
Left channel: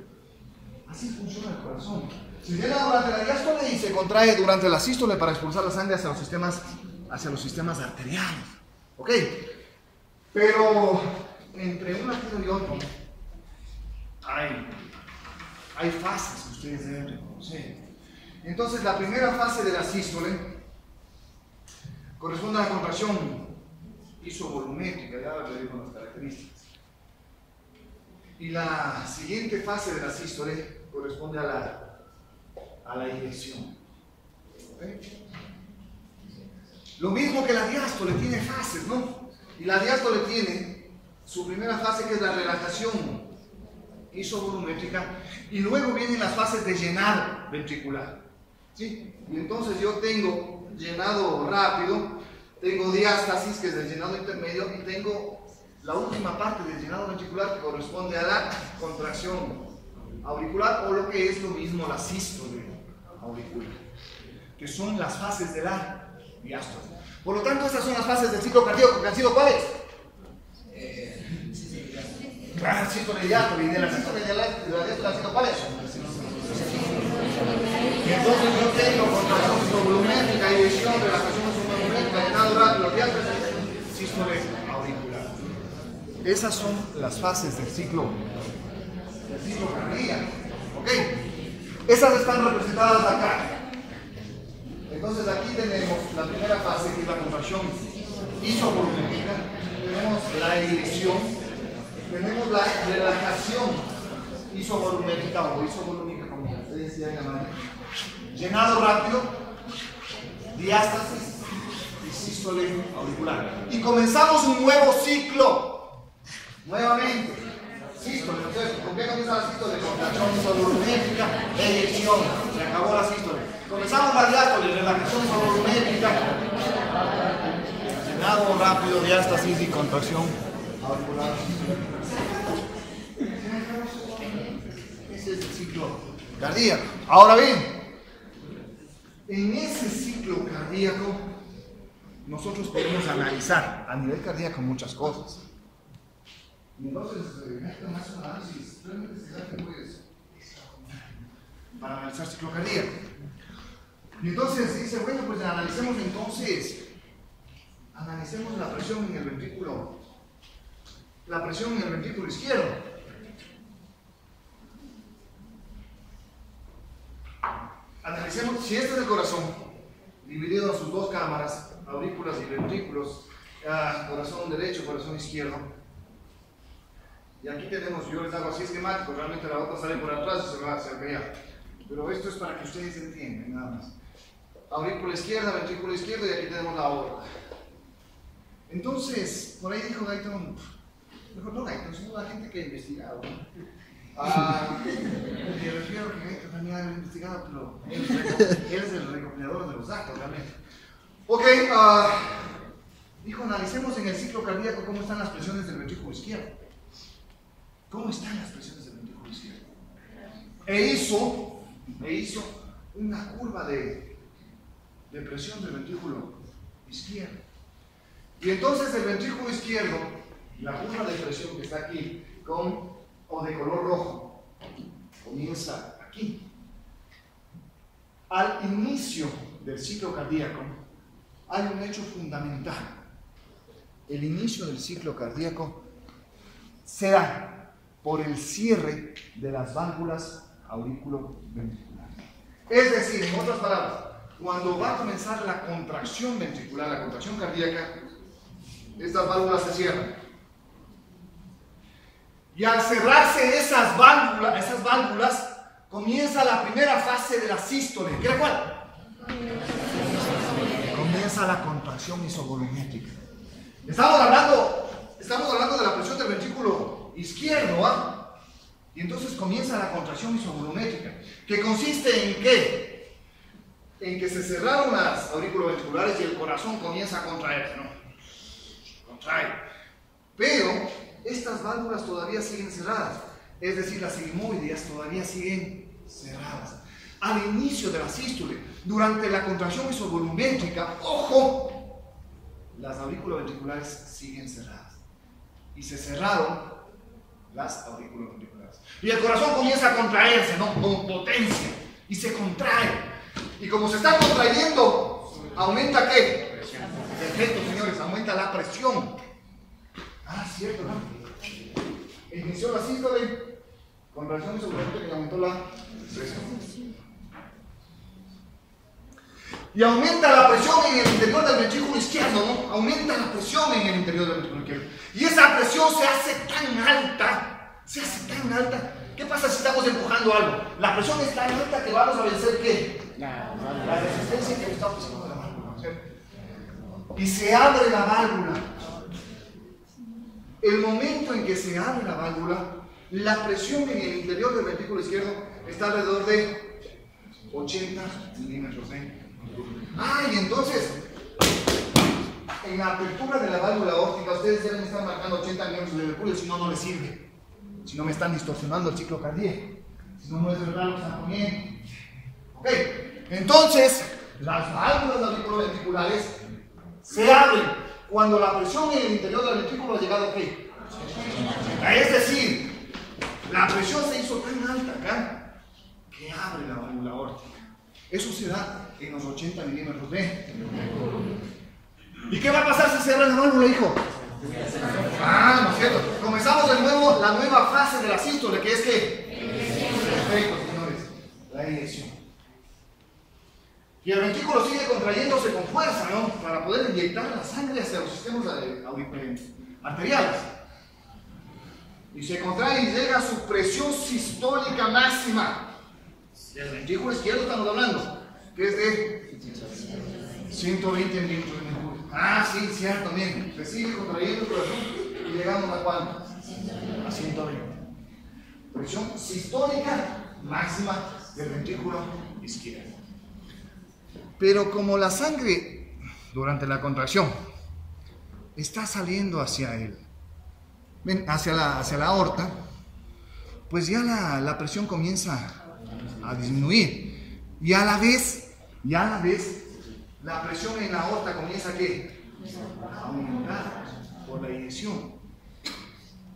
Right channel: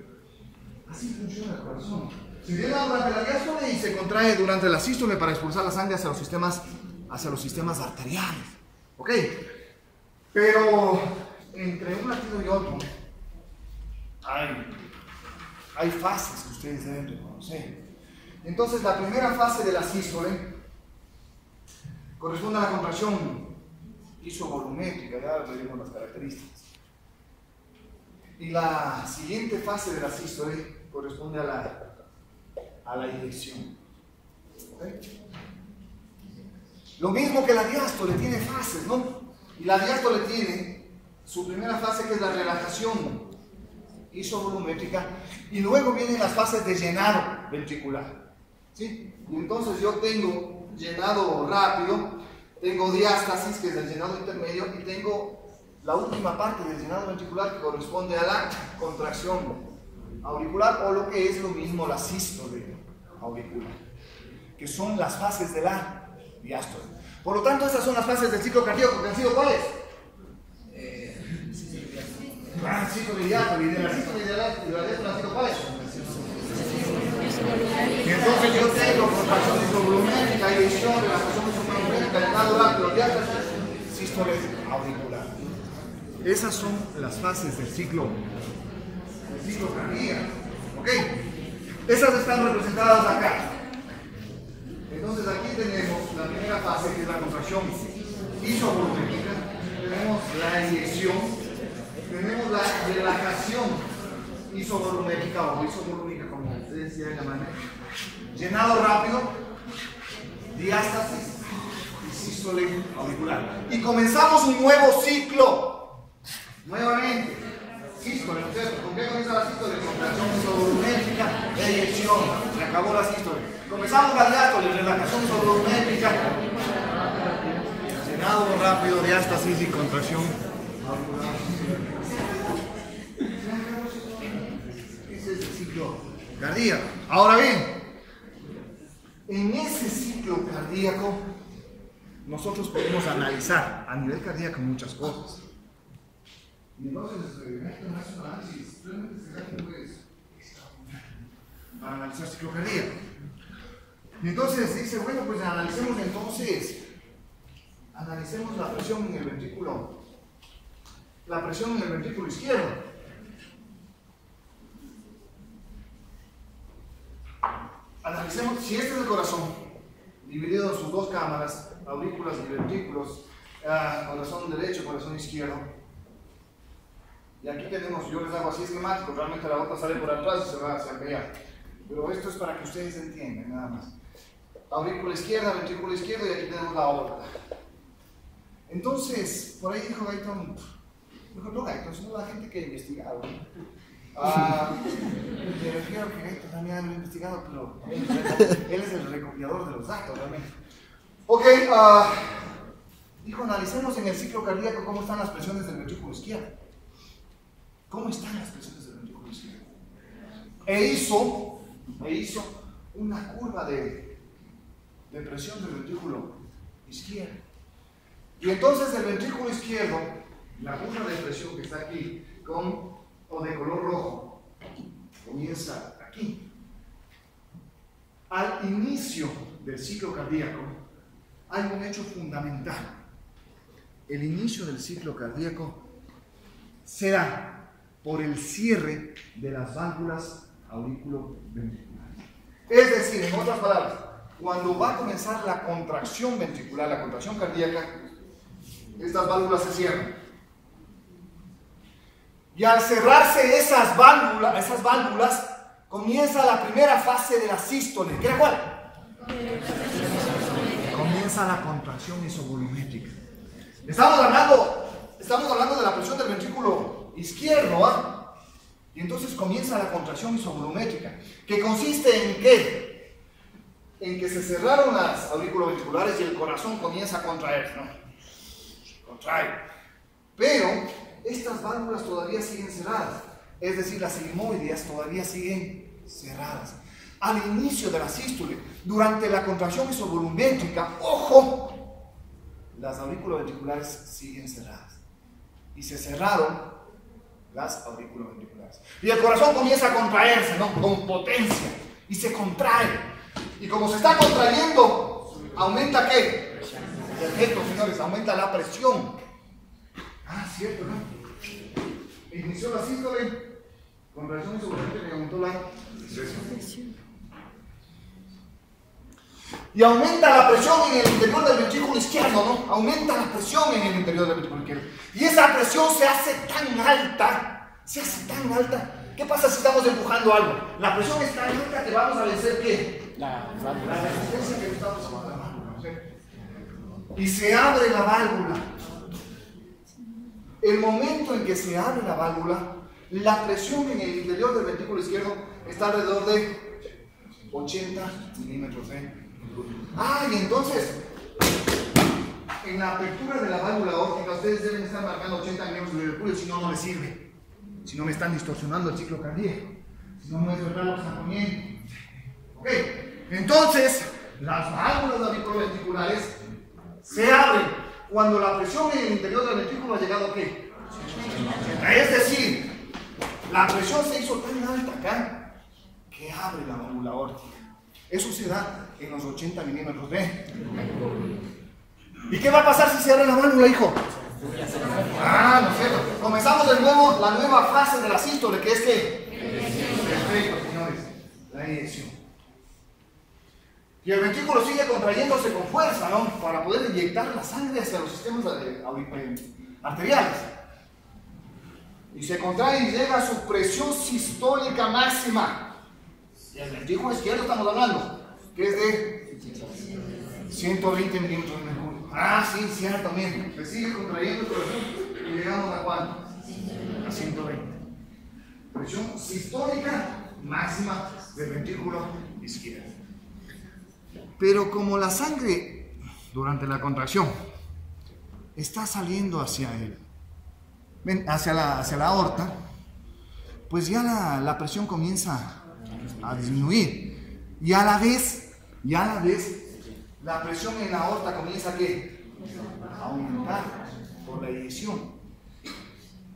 Así funciona el corazón. Se llena durante la diástole y se contrae durante la sístole para expulsar la sangre hacia los sistemas arteriales. ¿Ok? Pero entre un latido y otro hay fases que ustedes deben reconocer. Entonces, la primera fase de la sístole corresponde a la contracción isovolumétrica, ya les digo las características. Y la siguiente fase de la sístole corresponde a la eyección. ¿Okay? Lo mismo que la diástole, tiene fases, ¿no? Y la diástole tiene su primera fase, que es la relajación isovolumétrica, y luego vienen las fases de llenado ventricular. ¿Sí? Y entonces yo tengo llenado rápido, tengo diástasis, que es el llenado intermedio, y tengo la última parte del llenado ventricular, que corresponde a la contracción auricular, o lo que es lo mismo, la sístole auricular, que son las fases de la diástole. Por lo tanto, estas son las fases del ciclo cardíaco, que han sido ¿cuáles? Sístole y diástole. Y de la sístole y de la diástole han sido ¿cuáles? Y entonces yo tengo contracción isovolumétrica, eyección, relajación isovolumétrica, llenado rápido, diástasis, sístole auricular. Esas son las fases del ciclo cardíaco. ¿Ok? Esas están representadas acá. Entonces aquí tenemos la primera fase, que es la contracción isovolumétrica, tenemos la eyección, tenemos la relajación isovolumétrica o isovolúmica, como ustedes quieran llamarle, llenado rápido, diástasis y sístole auricular. Y comenzamos un nuevo ciclo, nuevamente. Sístole, ¿con qué comienza la sístole? Contracción isovolumétrica, eyección, se acabó la sístole. Comenzamos la diástole, relajación isovolumétrica, llenado rápido, diástasis y contracción auricular. Ese es el ciclo cardíaco. Ahora bien, en ese ciclo cardíaco nosotros podemos analizar a nivel cardíaco muchas cosas. Y entonces, esto no es un análisis realmente pues, para analizar ciclo cardíaco. Y entonces dice, bueno, pues analicemos la presión en el ventrículo izquierdo. Analicemos, si este es el corazón, dividido en sus dos cámaras, aurículas y ventrículos, corazón derecho, corazón izquierdo. Y aquí tenemos, yo les hago así esquemático, realmente la otra sale por atrás y se va hacia el allá. Pero esto es para que ustedes entiendan, nada más. Aurícula izquierda, ventrículo izquierdo, y aquí tenemos la aorta. Entonces, por ahí dijo Gayton, no Gayton, sino la gente que ha investigado. Me refiero que Gayton también ha investigado, pero él es el recopilador de los datos, realmente. Ok, dijo, analicemos en el ciclo cardíaco cómo están las presiones del ventrículo izquierdo. ¿Cómo están las presiones del ventrículo izquierdo? E hizo una curva de presión del ventrículo izquierdo. Y entonces el ventrículo izquierdo, la curva de presión que está aquí, o de color rojo, comienza aquí. Al inicio del ciclo cardíaco hay un hecho fundamental. El inicio del ciclo cardíaco se da por el cierre de las válvulas auriculoventriculares. Es decir, en otras palabras, cuando va a comenzar la contracción ventricular, la contracción cardíaca, estas válvulas se cierran. Y al cerrarse esas válvulas, comienza la primera fase de la sístole. ¿Qué era cuál? Comienza la contracción isovolumétrica. Estamos hablando de la presión del ventrículo izquierdo, y entonces comienza la contracción isovolumétrica, que consiste en ¿qué? En que se cerraron las auriculoventriculares y el corazón comienza a contraerse, ¿no? Contrae. Pero estas válvulas todavía siguen cerradas, es decir, las sigmoideas todavía siguen cerradas. Al inicio de la sístole, durante la contracción isovolumétrica, ¡ojo!, las auriculoventriculares siguen cerradas. Y se cerraron las auriculoventriculares. Y el corazón comienza a contraerse, ¿no? Con potencia. Y se contrae. Y como se está contrayendo, aumenta ¿qué? Perfecto, señores, aumenta la presión. Ah, cierto, ¿no? Inició la sístole, contracción isovolúmetrica y aumentó la presión. Y aumenta la presión en el interior del ventrículo izquierdo, ¿no? Aumenta la presión en el interior del ventrículo izquierdo. Y esa presión se hace tan alta, ¿Qué pasa si estamos empujando algo? La presión es tan alta que vamos a vencer ¿qué? La resistencia que le estamos haciendo a la válvula, ¿cierto? Y se abre la válvula. El momento en que se abre la válvula, la presión en el interior del ventrículo izquierdo está alrededor de 80 milímetros de mercurio. Y entonces, en la apertura de la válvula aórtica, ustedes deben estar marcando 80 milímetros de mercurio, si no, no les sirve. Si no, me están distorsionando el ciclo cardíaco. Si no, no es verdad lo que están poniendo. Ok, entonces, las válvulas auriculoventriculares se abren cuando la presión en el interior del ventrículo ha llegado a ¿qué? Es decir, la presión se hizo tan alta acá que abre la válvula aórtica. Eso se da en los 80 milímetros de mercurio. ¿Y qué va a pasar si se abre la válvula, hijo? No es cierto. Comenzamos de nuevo la nueva fase de la sístole, que es que perfecto, señores, la eyección. Y el ventrículo sigue contrayéndose con fuerza, ¿no? Para poder inyectar la sangre hacia los sistemas arteriales. Y se contrae y llega a su presión sistólica máxima. Del ventrículo izquierdo estamos hablando, que es de 120 milímetros de mercurio. Sí, ciertamente. Se sigue contrayendo el corazón y llegamos a ¿cuánto? A 120. Presión sistólica máxima del ventrículo izquierdo. Pero como la sangre durante la contracción está saliendo hacia la aorta, pues ya la presión comienza a disminuir. Y a la vez, la presión en la aorta comienza a aumentar por la eyección.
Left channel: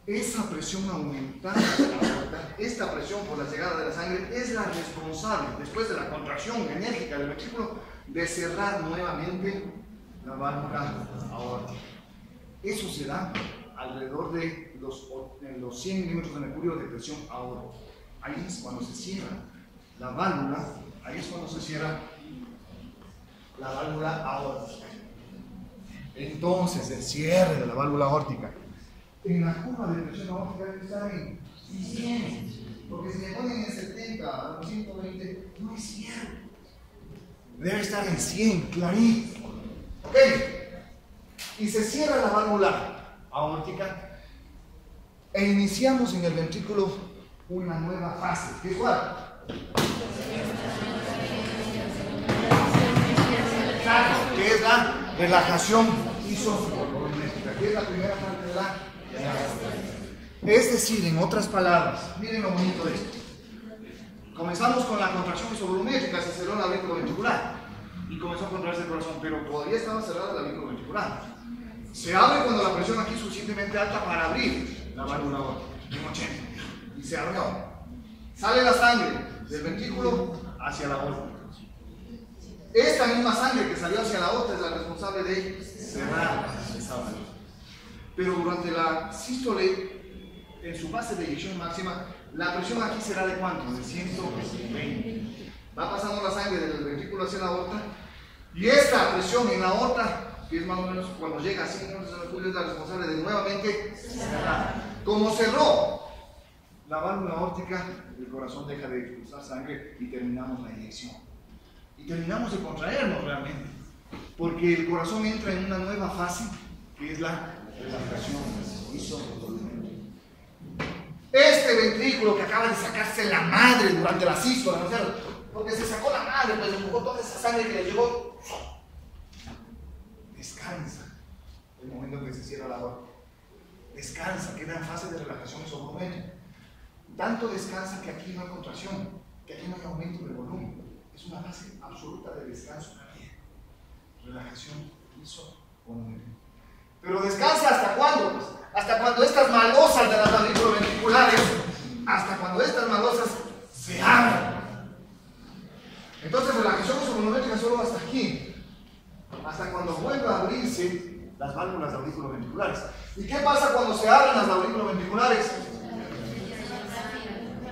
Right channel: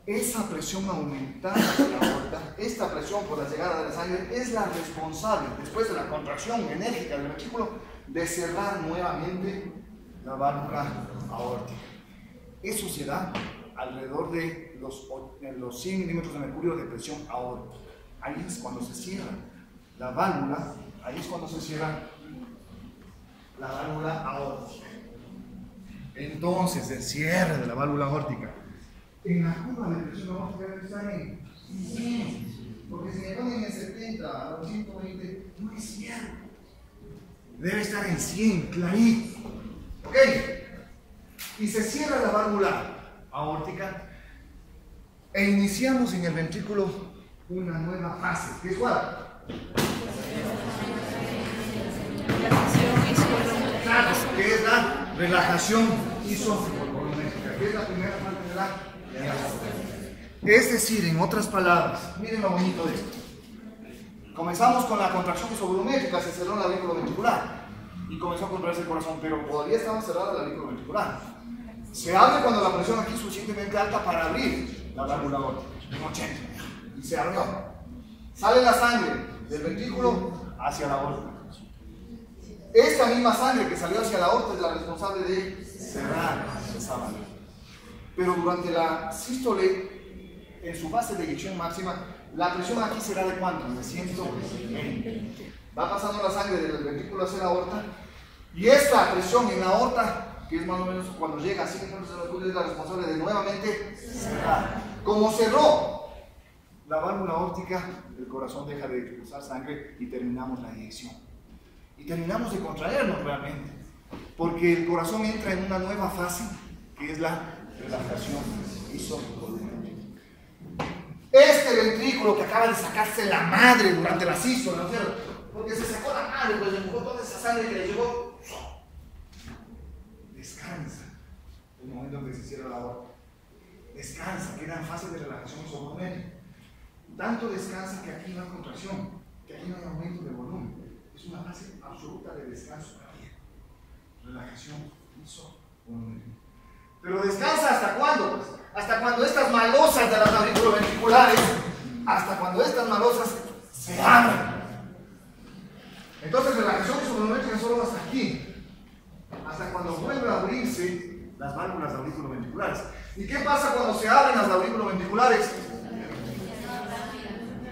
Esa presión aumentada de la aorta, esta presión por la llegada de la sangre, es la responsable, después de la contracción enérgica del ventrículo, de cerrar nuevamente la válvula aórtica. Eso se da alrededor de los 100 milímetros de mercurio de presión aórtica. Ahí es cuando se cierra la válvula, la válvula aórtica. Entonces, el cierre de la válvula aórtica en la curva de presión aórtica debe estar en 100, porque si le ponen en 70 a los 120, no es cierto. Debe estar en 100, clarito. ¿Ok? Y se cierra la válvula aórtica e iniciamos en el ventrículo una nueva fase. ¿Qué es cuál? Que es la relajación isovolumétrica, que es la primera parte de la relajación. Es decir, en otras palabras, miren lo bonito de esto. Comenzamos con la contracción isovolumétrica, se cerró la aurícula ventricular y comenzó a contraerse el corazón, pero todavía estaba cerrada la aurícula ventricular. Se abre cuando la presión aquí es suficientemente alta para abrir la válvula aórtica, en 80, y se abrió. Sale la sangre del ventrículo hacia la aorta. Esta misma sangre que salió hacia la aorta es la responsable de cerrar esa válvula. Pero durante la sístole, en su fase de eyección máxima, la presión aquí será de ¿cuánto? De 120. Va pasando la sangre del ventrículo hacia la aorta y esta presión en la aorta, que es más o menos cuando llega a 100 milímetros de mercurio, es la responsable de nuevamente cerrar. Como cerró la válvula aórtica, el corazón deja de expulsar sangre y terminamos la eyección. Y terminamos de contraernos realmente, porque el corazón entra en una nueva fase, que es la relajación isovolumétrica. Este ventrículo que acaba de sacarse la madre durante la sístole, ¿no es cierto? Porque se sacó la madre, pues empujó toda esa sangre que le llegó. Descansa el momento en que se cierra la aorta. Descansa, queda en fase de relajación isovolumétrica. Tanto descansa que aquí no hay contracción, que aquí no hay aumento de volumen. Es una fase absoluta de descanso cardíaco. Relajación isovolumétrica. Pero descansa ¿hasta cuándo? Pues hasta cuando estas malosas de las auriculoventriculares, se abren. Entonces relajación isovolumétrica solo hasta aquí. hasta cuando vuelve a abrirse las válvulas auriculoventriculares. ¿Y qué pasa cuando se abren las auriculoventriculares?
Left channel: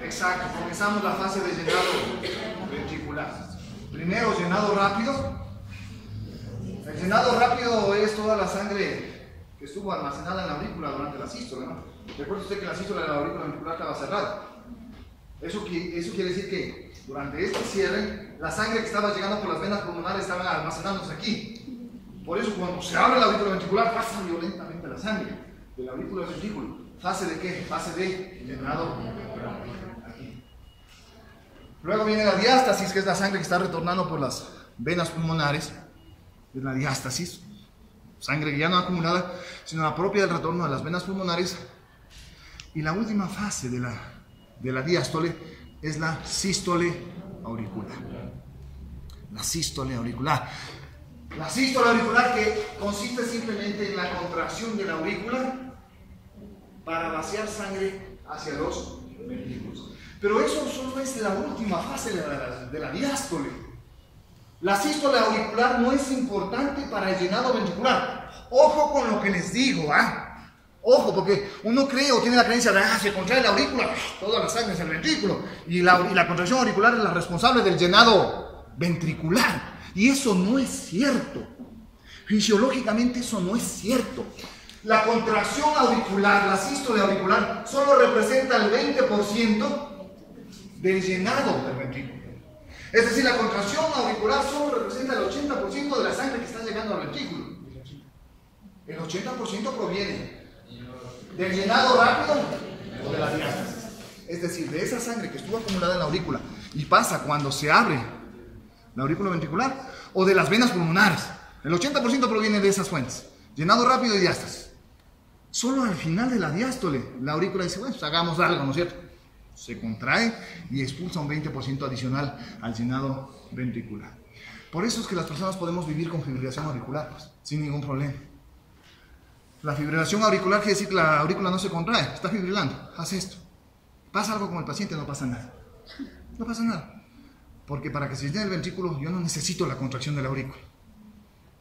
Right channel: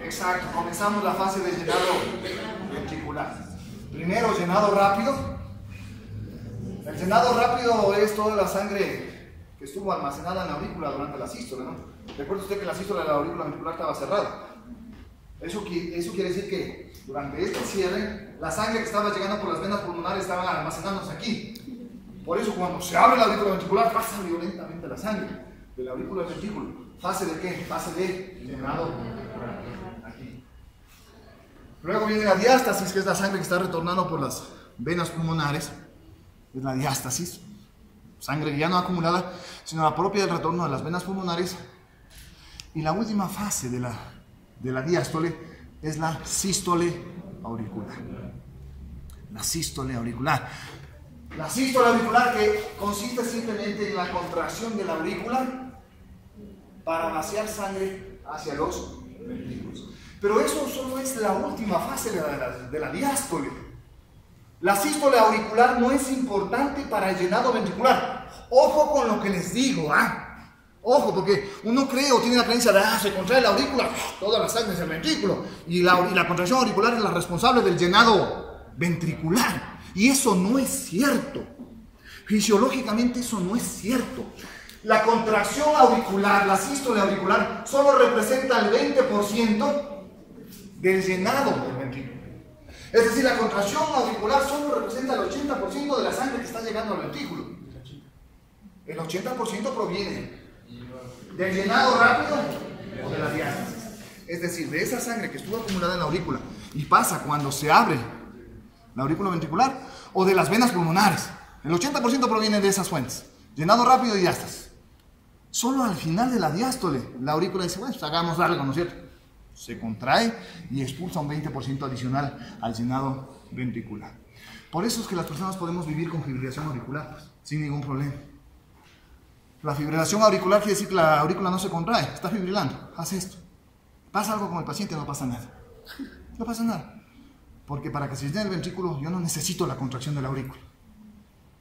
Exacto, comenzamos la fase de llenado ventricular. Primero, llenado rápido. El llenado rápido es toda la sangre que estuvo almacenada en la aurícula durante la sístole, ¿no? Recuerda usted que la sístole de la aurícula ventricular estaba cerrada. Eso quiere decir que durante este cierre, la sangre que estaba llegando por las venas pulmonares estaba almacenándose aquí. Por eso cuando se abre la aurícula ventricular pasa violentamente la sangre de la aurícula del ventrículo. ¿Fase de qué? Fase de llenado ventricular. Aquí. Luego viene la diástasis, que es la sangre que está retornando por las venas pulmonares. Es la diástasis. Sangre que ya no acumulada, sino la propia del retorno de las venas pulmonares. Y la última fase de la diástole es la sístole auricular. La sístole auricular. La sístole auricular, que consiste simplemente en la contracción de la aurícula para vaciar sangre hacia los ventrículos. Pero eso solo es la última fase de la diástole. La sístole auricular no es importante para el llenado ventricular. Ojo con lo que les digo, ¿ah? Ojo, porque uno cree o tiene la creencia de se contrae la aurícula, toda la sangre es el ventrículo, y la contracción auricular es la responsable del llenado ventricular. Y eso no es cierto. Fisiológicamente eso no es cierto. La contracción auricular, la sístole auricular, solo representa el 20% del llenado del ventrículo. Es decir, la contracción auricular solo representa el 80% de la sangre que está llegando al ventrículo. El 80% proviene del llenado rápido o de la diástasis. Es decir, de esa sangre que estuvo acumulada en la aurícula y pasa cuando se abre la aurícula ventricular, o de las venas pulmonares. El 80% proviene de esas fuentes. Llenado rápido y diástasis. Solo al final de la diástole, la aurícula dice, bueno, pues hagamos algo, ¿no es cierto? Se contrae y expulsa un 20% adicional al llenado ventricular. Por eso es que las personas podemos vivir con fibrilación auricular, pues, sin ningún problema. La fibrilación auricular quiere decir que la aurícula no se contrae, está fibrilando, hace esto. Pasa algo con el paciente, no pasa nada. No pasa nada. Porque para que se llene el ventrículo yo no necesito la contracción de la aurícula.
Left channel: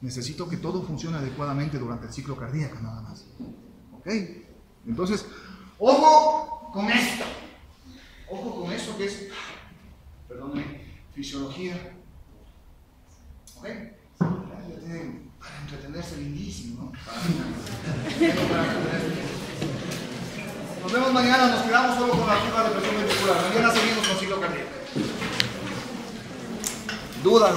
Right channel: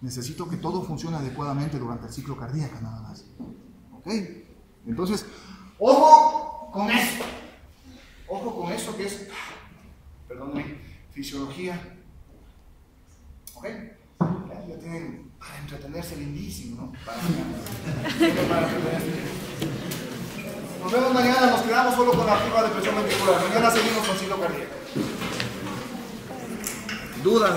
Necesito que todo funcione adecuadamente durante el ciclo cardíaco, nada más. ¿Ok? Entonces, ojo con esto. Ojo con eso que es, perdónenme, fisiología. ¿Ok? Ya tienen para entretenerse lindísimo, ¿no? Para entretenerse. Nos vemos mañana, nos quedamos solo con la curva de presión ventricular. Mañana seguimos con ciclo cardíaco. Dudas.